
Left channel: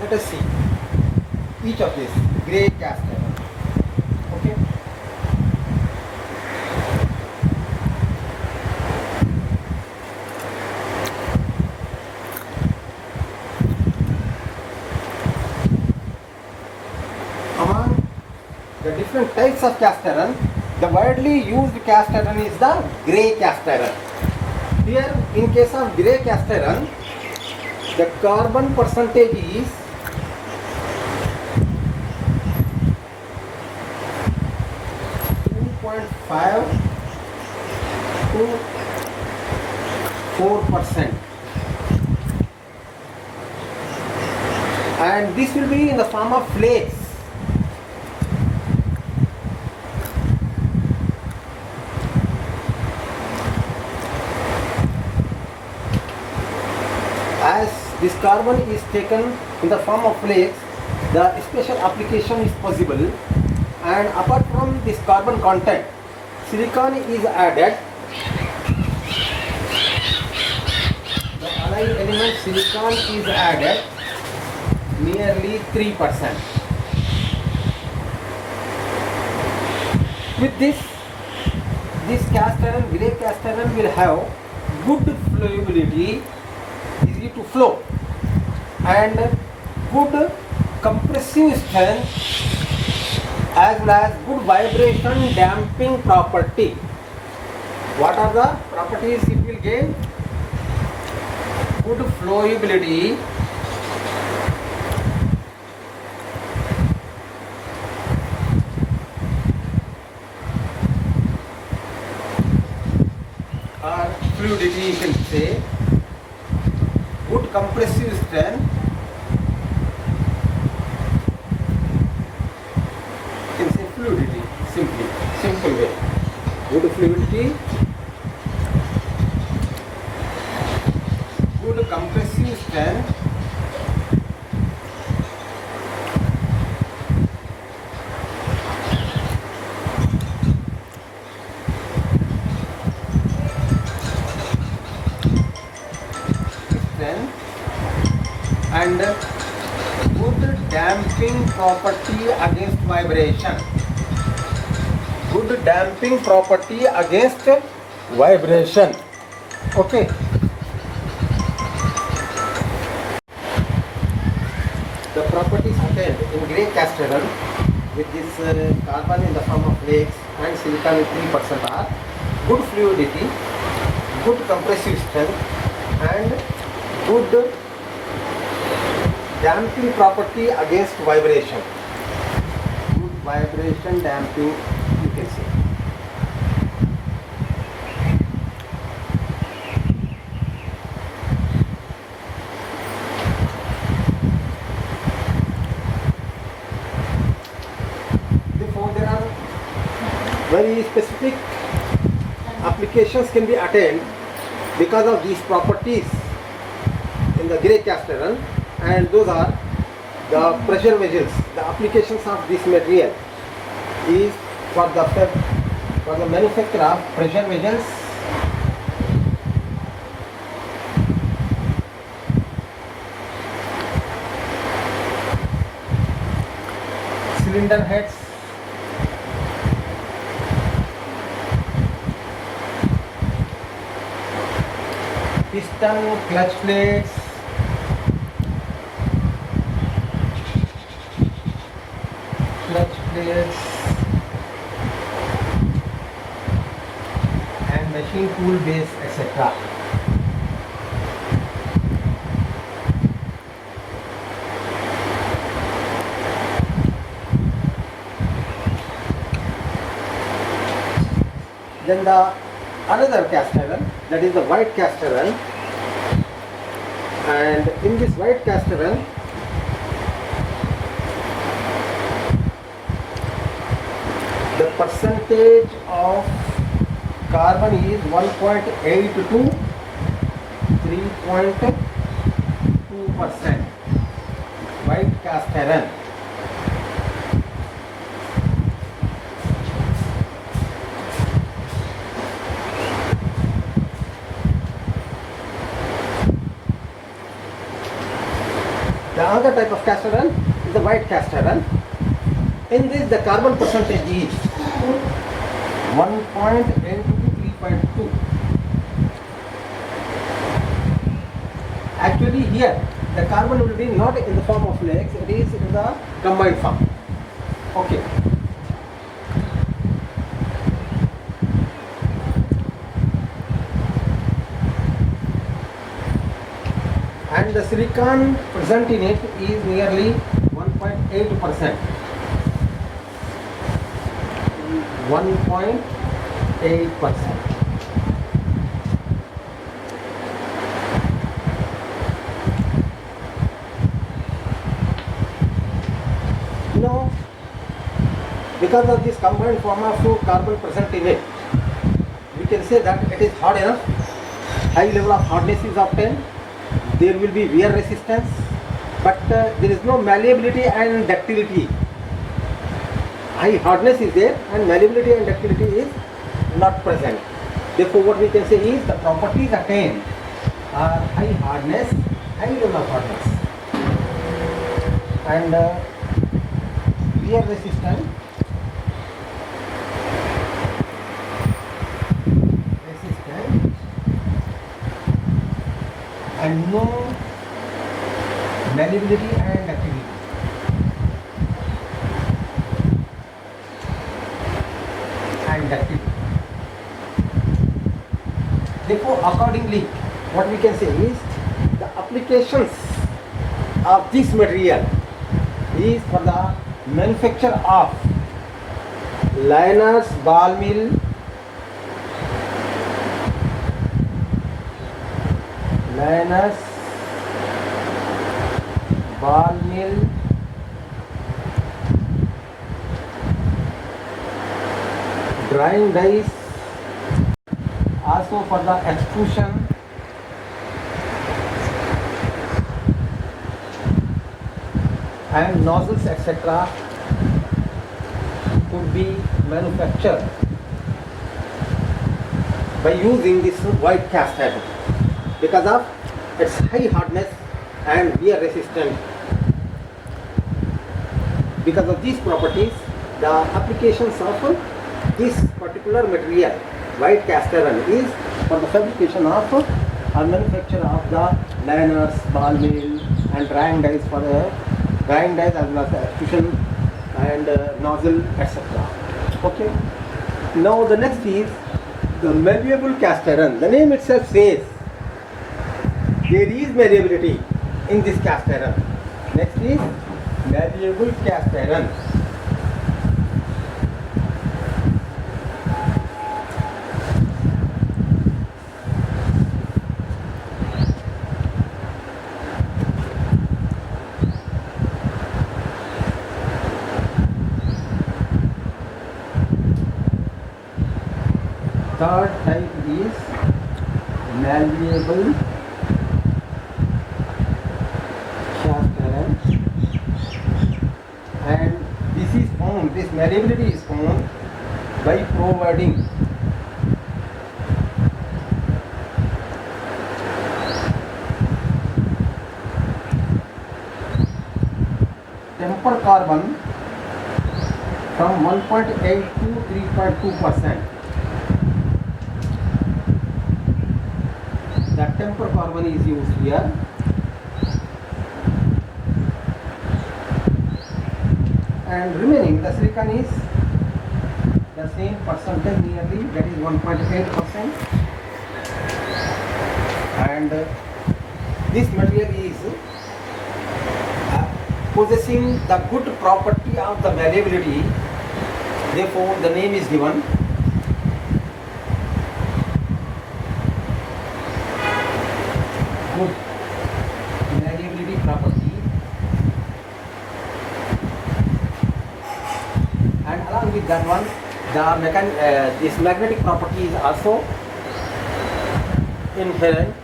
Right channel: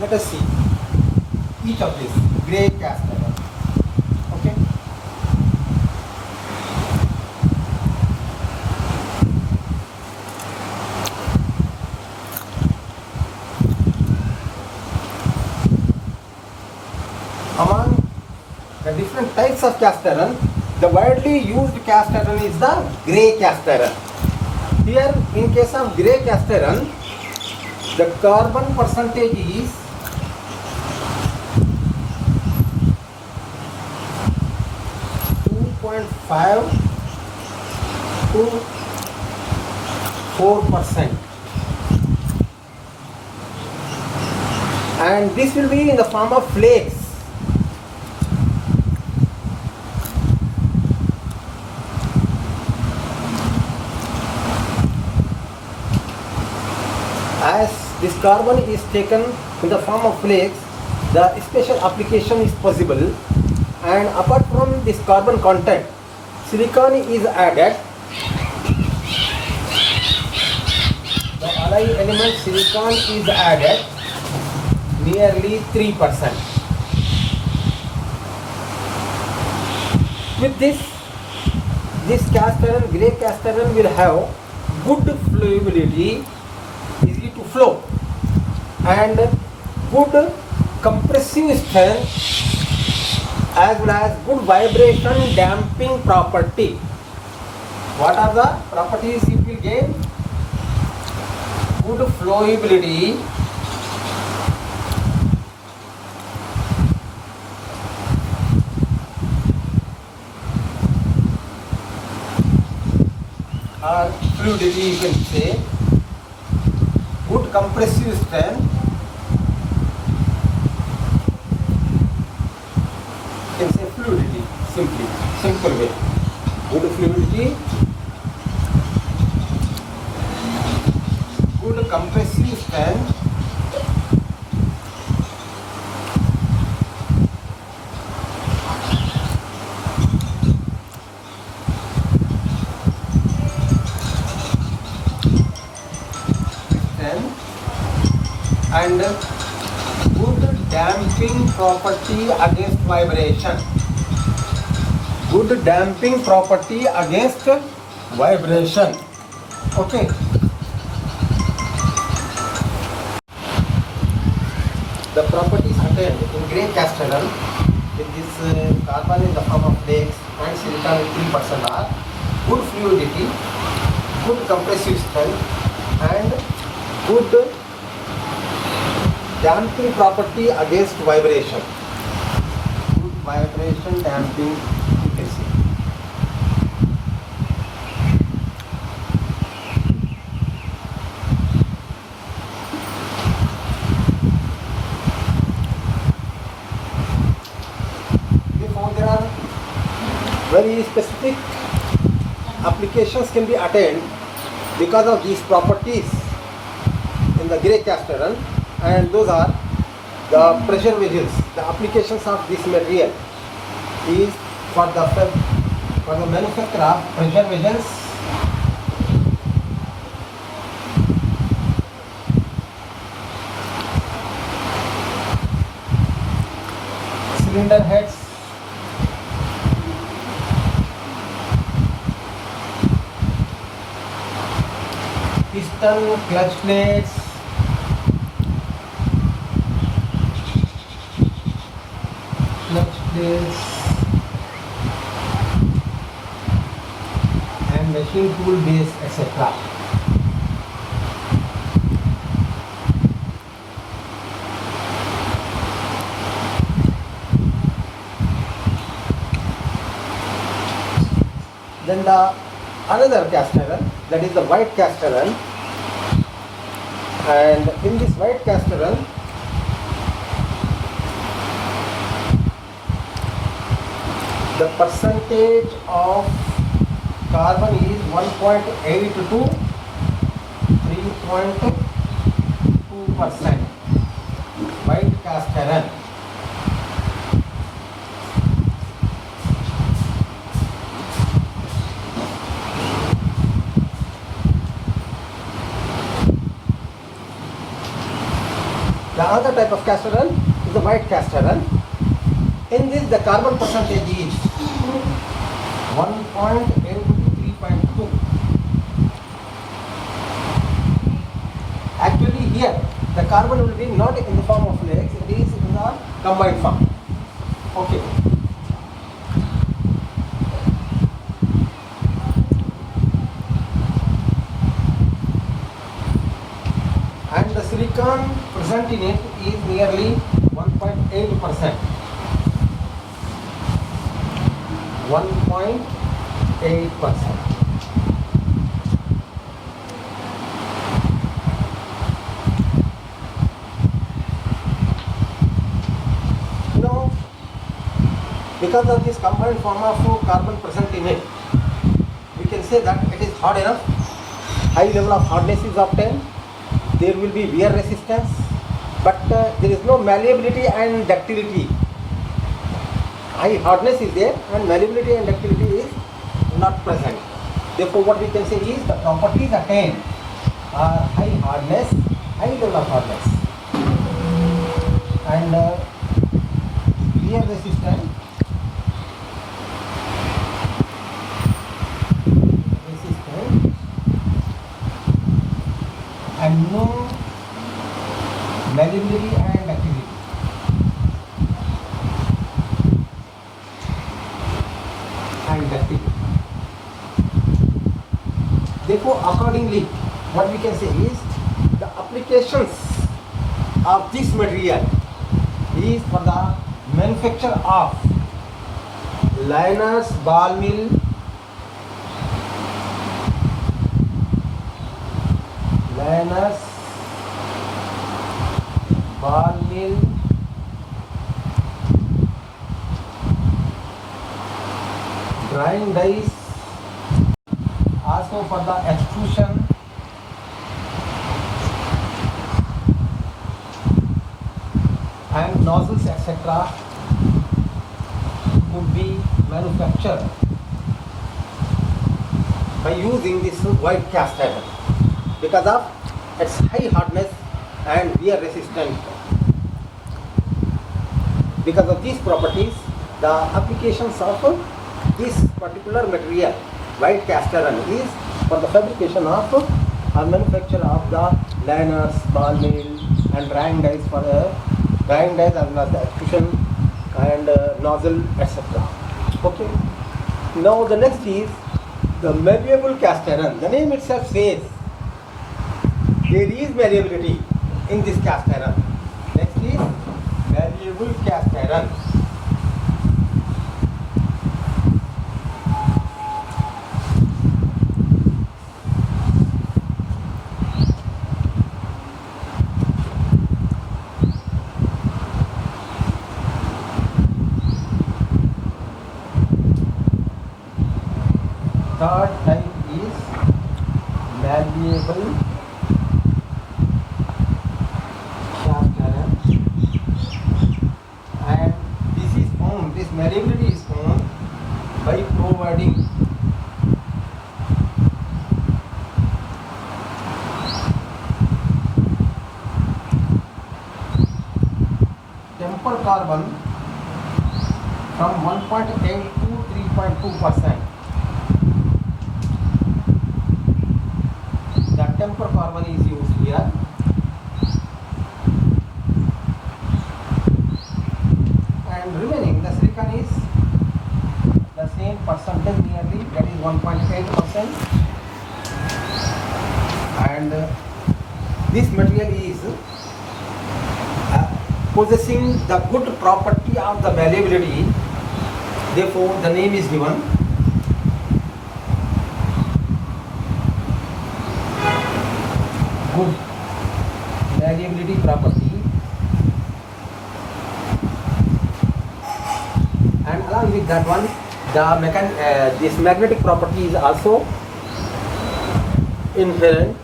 let us see each of these. Grey cast iron. Okay. Among the different types of cast iron, the widely used cast iron is the grey cast iron. Here, in case of grey cast iron, the carbon percentage is 2.5 to 4%, and this will be in the form of flakes. As this carbon is taken in the form of flakes, the special application is possible, and apart from this carbon content, silicon is added. The alloy element silicon is added nearly 3%. With this cast iron, grey cast iron will have good flowability, easy to flow, and good compressive strength as well as good vibration damping property. What are the properties it will gain? Good flowability, or fluidity you can say, good compressive strength, you can say fluidity, simple way, good fluidity, good compressive strength, and good damping property against vibration. Good damping property against vibration. Okay. the properties attained in grey cast iron with this carbon in the form of flakes and silicon with 3% are good fluidity, good compressive strength, and good damping property against vibration. Good vibration damping, you can say. Therefore, there are very specific applications can be attained because of these properties in the grey cast iron, and those are the pressure vessels. The applications of this material is for the manufacture of pressure vessels, cylinder heads, piston, clutch plates, and machine tool base, etc. Then the another cast iron, that is the white cast iron, and in this white cast iron the percentage of carbon is 1.8 to 3.2%. White cast iron. The other type of cast iron is the white cast iron. In this, the carbon percentage is 1.8 to 3.2. Actually, here the carbon will be not in the form of flakes; it is in the combined form. Okay. And the silicon present in it is nearly 1.8%. 1.8%. Now, because of this combined form of carbon present in it, we can say that it is hard enough. High level of hardness is obtained. There will be wear resistance, but there is no malleability and ductility. High hardness is there and malleability and ductility is not present. Therefore, what we can say is the properties attained are high hardness, high level of hardness, and wear resistance, and no malleability and ductility. Therefore, accordingly, what we can say is the applications of this material is for the manufacture of liners, ball mill, drying dies, also for the extrusion, and nozzles, etc. could be manufactured by using this white cast iron because of its high hardness and wear resistance. Because of these properties, the applications of this particular material, white cast iron, is for the fabrication of or manufacture of the liners, ball mill, and drying dies for grind as artificial and nozzle, etc. Okay. Now the next is the malleable cast iron. The name itself says there is malleability in this cast iron. Next is malleable cast iron. Third type is malleable cast iron, and this malleability is found by providing tempered carbon from 1.8 to 3.2%. The tempered carbon is used here. And remaining the silicon is the same percentage nearly, that is 1.8%. And this material is possessing the good property of the malleability, therefore the name is given. Good malleability property, and along with that one, this magnetic property is also inherent.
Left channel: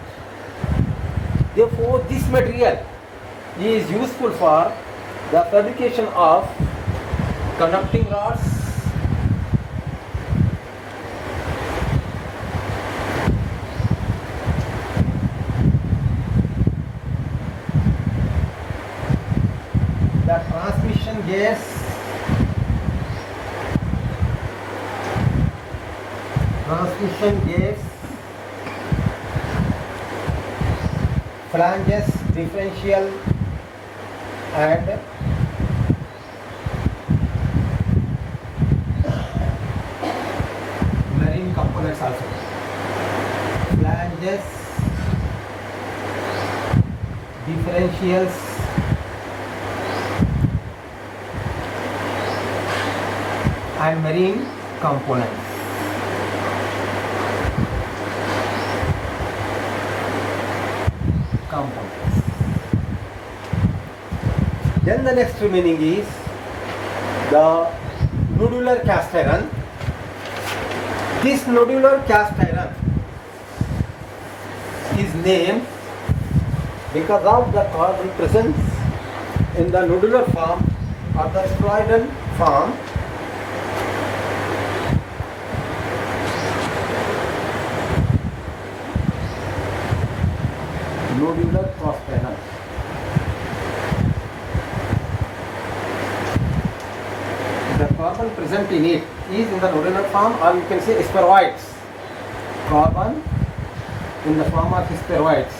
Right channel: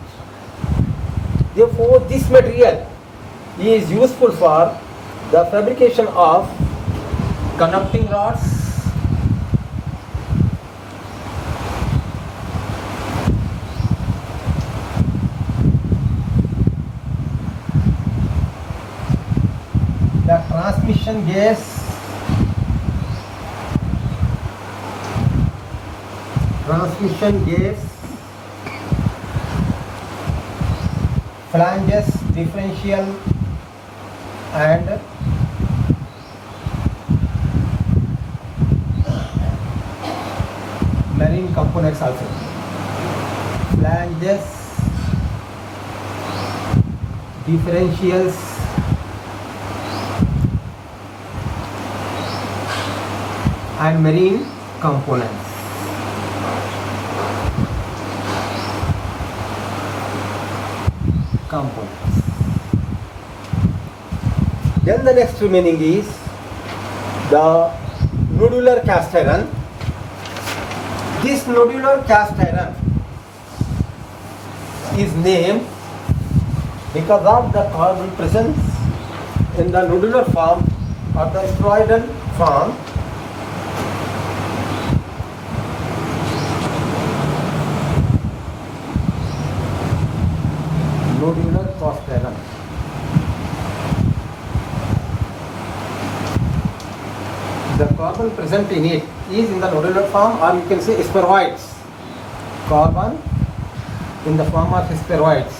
Therefore, this material is useful for the fabrication of conducting rods, the transmission gears, flanges, differential, and marine components also. Flanges, differentials, and marine components. Then the next remaining is the nodular cast iron. This nodular cast iron is named because of the carbon presence in the nodular form or the spheroidal form. Nodular cast iron. The carbon present in it is in the nodular form, or you can say spheroids. Carbon in the form of spheroids.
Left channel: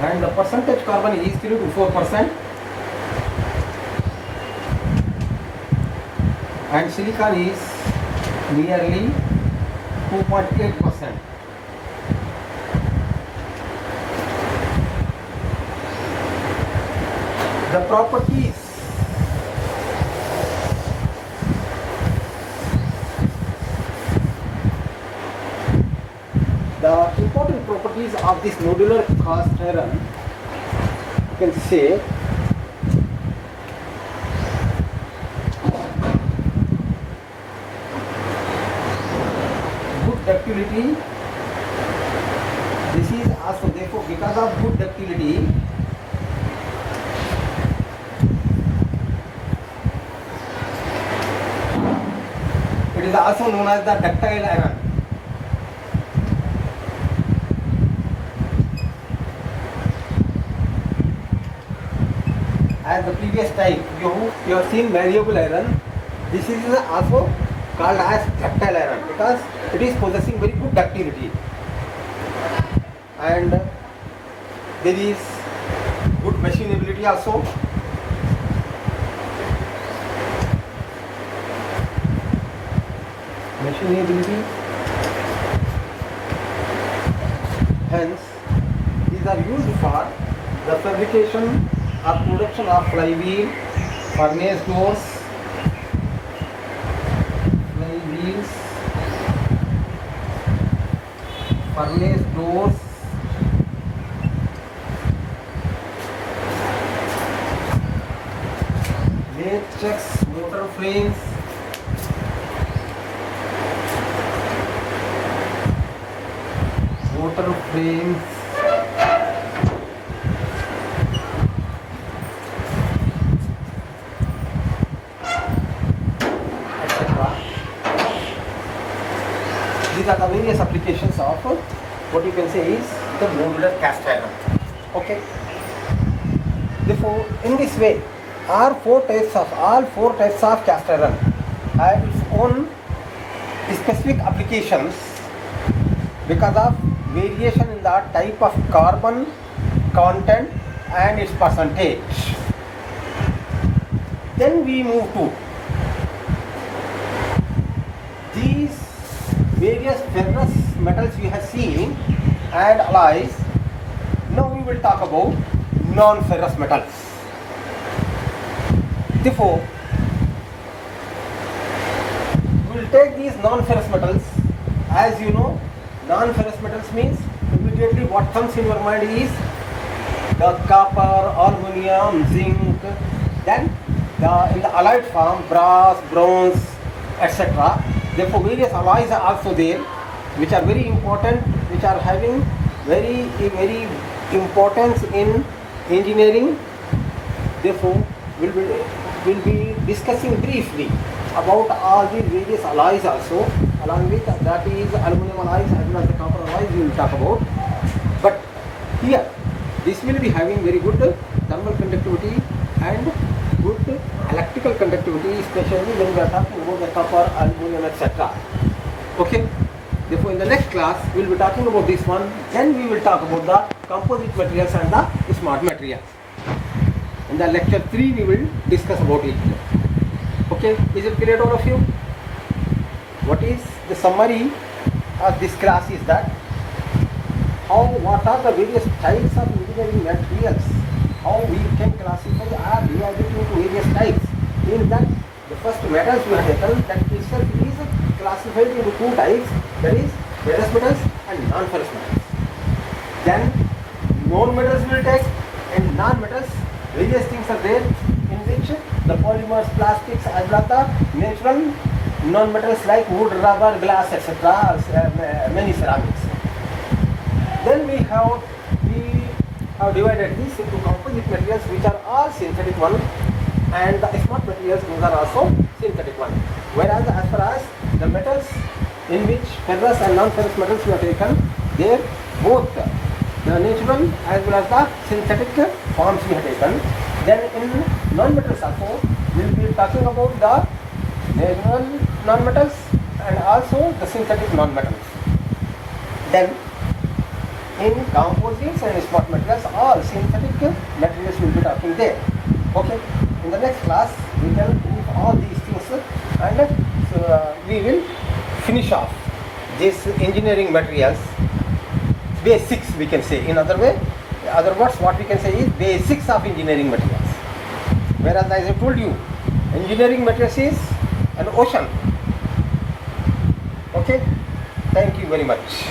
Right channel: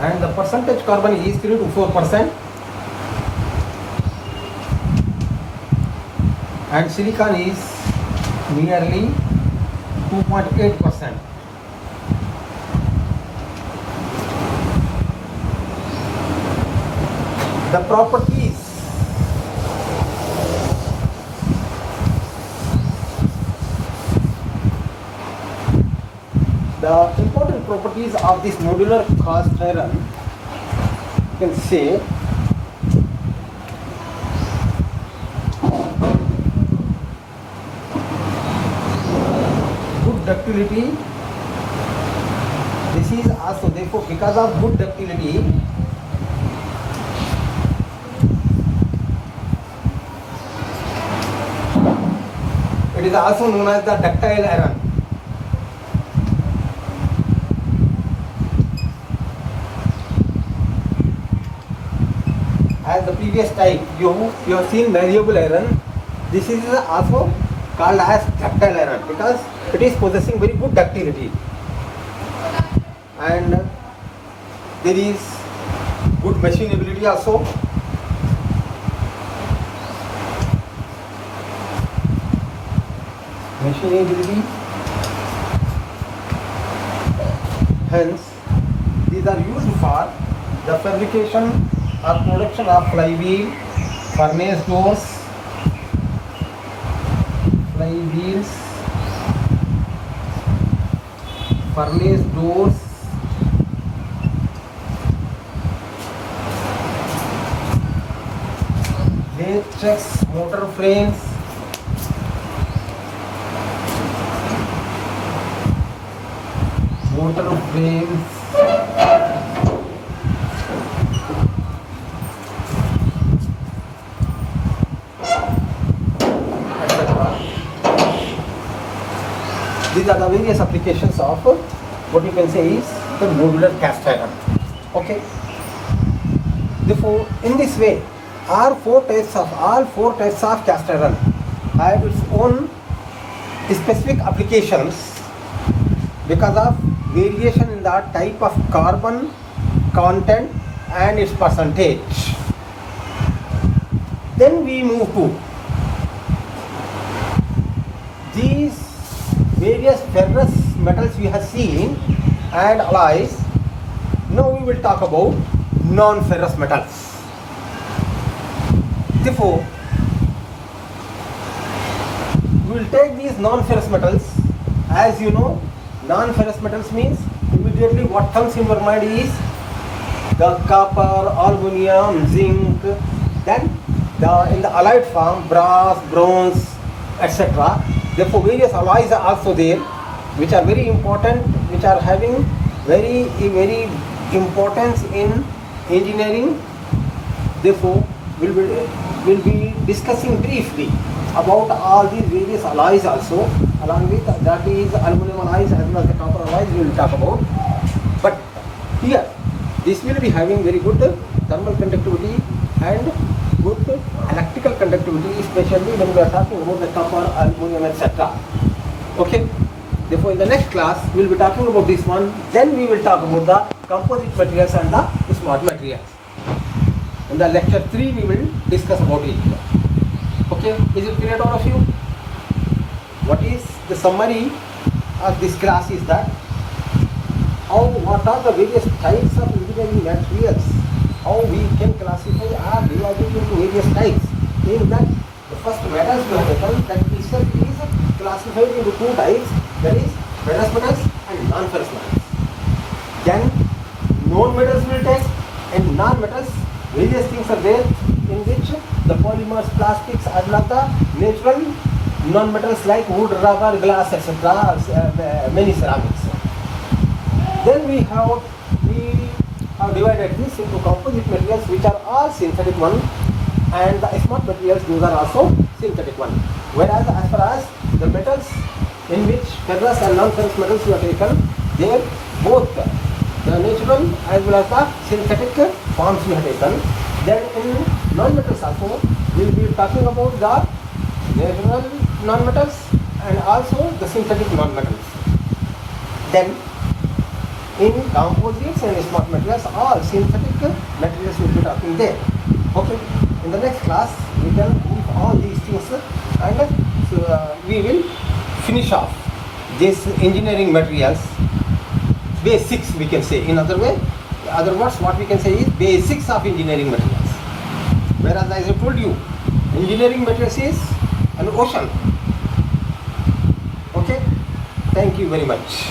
And the percentage carbon is 3 to 4%. And silicon is nearly 2.8%. The properties the important properties of this nodular cast iron, you can say good ductility. This is also, therefore, because of good ductility, it is also known as the ductile iron. As the previous type, you have seen malleable iron. This is also called as ductile iron because it is possessing very good ductility, and there is good machinability also. Machinability. Hence, these are used for the fabrication or production of flywheel, furnace doors, flywheels, furnace doors, matrix motor frames, etc. These are the various applications of what you can say is the modular cast iron. Okay. Therefore, in this way, all four types of cast iron have its own specific applications because of variation in the type of carbon content and its percentage. Then we move to these various ferrous metals we have seen and alloys. Now we will talk about non-ferrous metals. Therefore, we will take these non-ferrous metals. As you know, non-ferrous metals means immediately what comes in your mind is the copper, aluminum, zinc, then in the alloyed form brass, bronze, etc. Therefore, various alloys are also there, which are very important, which are having very importance in engineering. Therefore, we will be discussing briefly about all these various alloys also, along with that is aluminum alloys as well as the copper alloys we will talk about. But here, this will be having very good thermal conductivity and good electrical conductivity, especially when we are talking about the copper, aluminum, etc. Okay. Therefore, in the next class, we will be talking about this one. Then we will talk about the composite materials and the smart materials. In the lecture 3, we will discuss about it. Okay, is it clear to all of you? What is the summary of this class is that what are the various types of engineering materials, how we can classify or divide it into various types. In that, the first metals we have taken, that itself is classified into two types, that is ferrous metals and non-ferrous metals. Then non-metals will take, and non-metals, various things are there in which the polymers, plastics, as well as the natural non-metals like wood, rubber, glass, etc., many ceramics. Then we have divided this into composite materials, which are all synthetic one, and the smart materials, those are also synthetic one. Whereas as far as the metals in which ferrous and non-ferrous metals we have taken, they both the natural as well as the synthetic forms we have taken. Then in non-metals also, we will be talking about the natural non-metals and also the synthetic non-metals. Then in composites and smart materials, all synthetic materials will be talking there. Okay. In the next class, we can leave all these things and we will finish off this engineering materials basics, we can say. In other words, what we can say is basics of engineering materials. Whereas as I told you, engineering materials is an ocean. Okay. Thank you very much.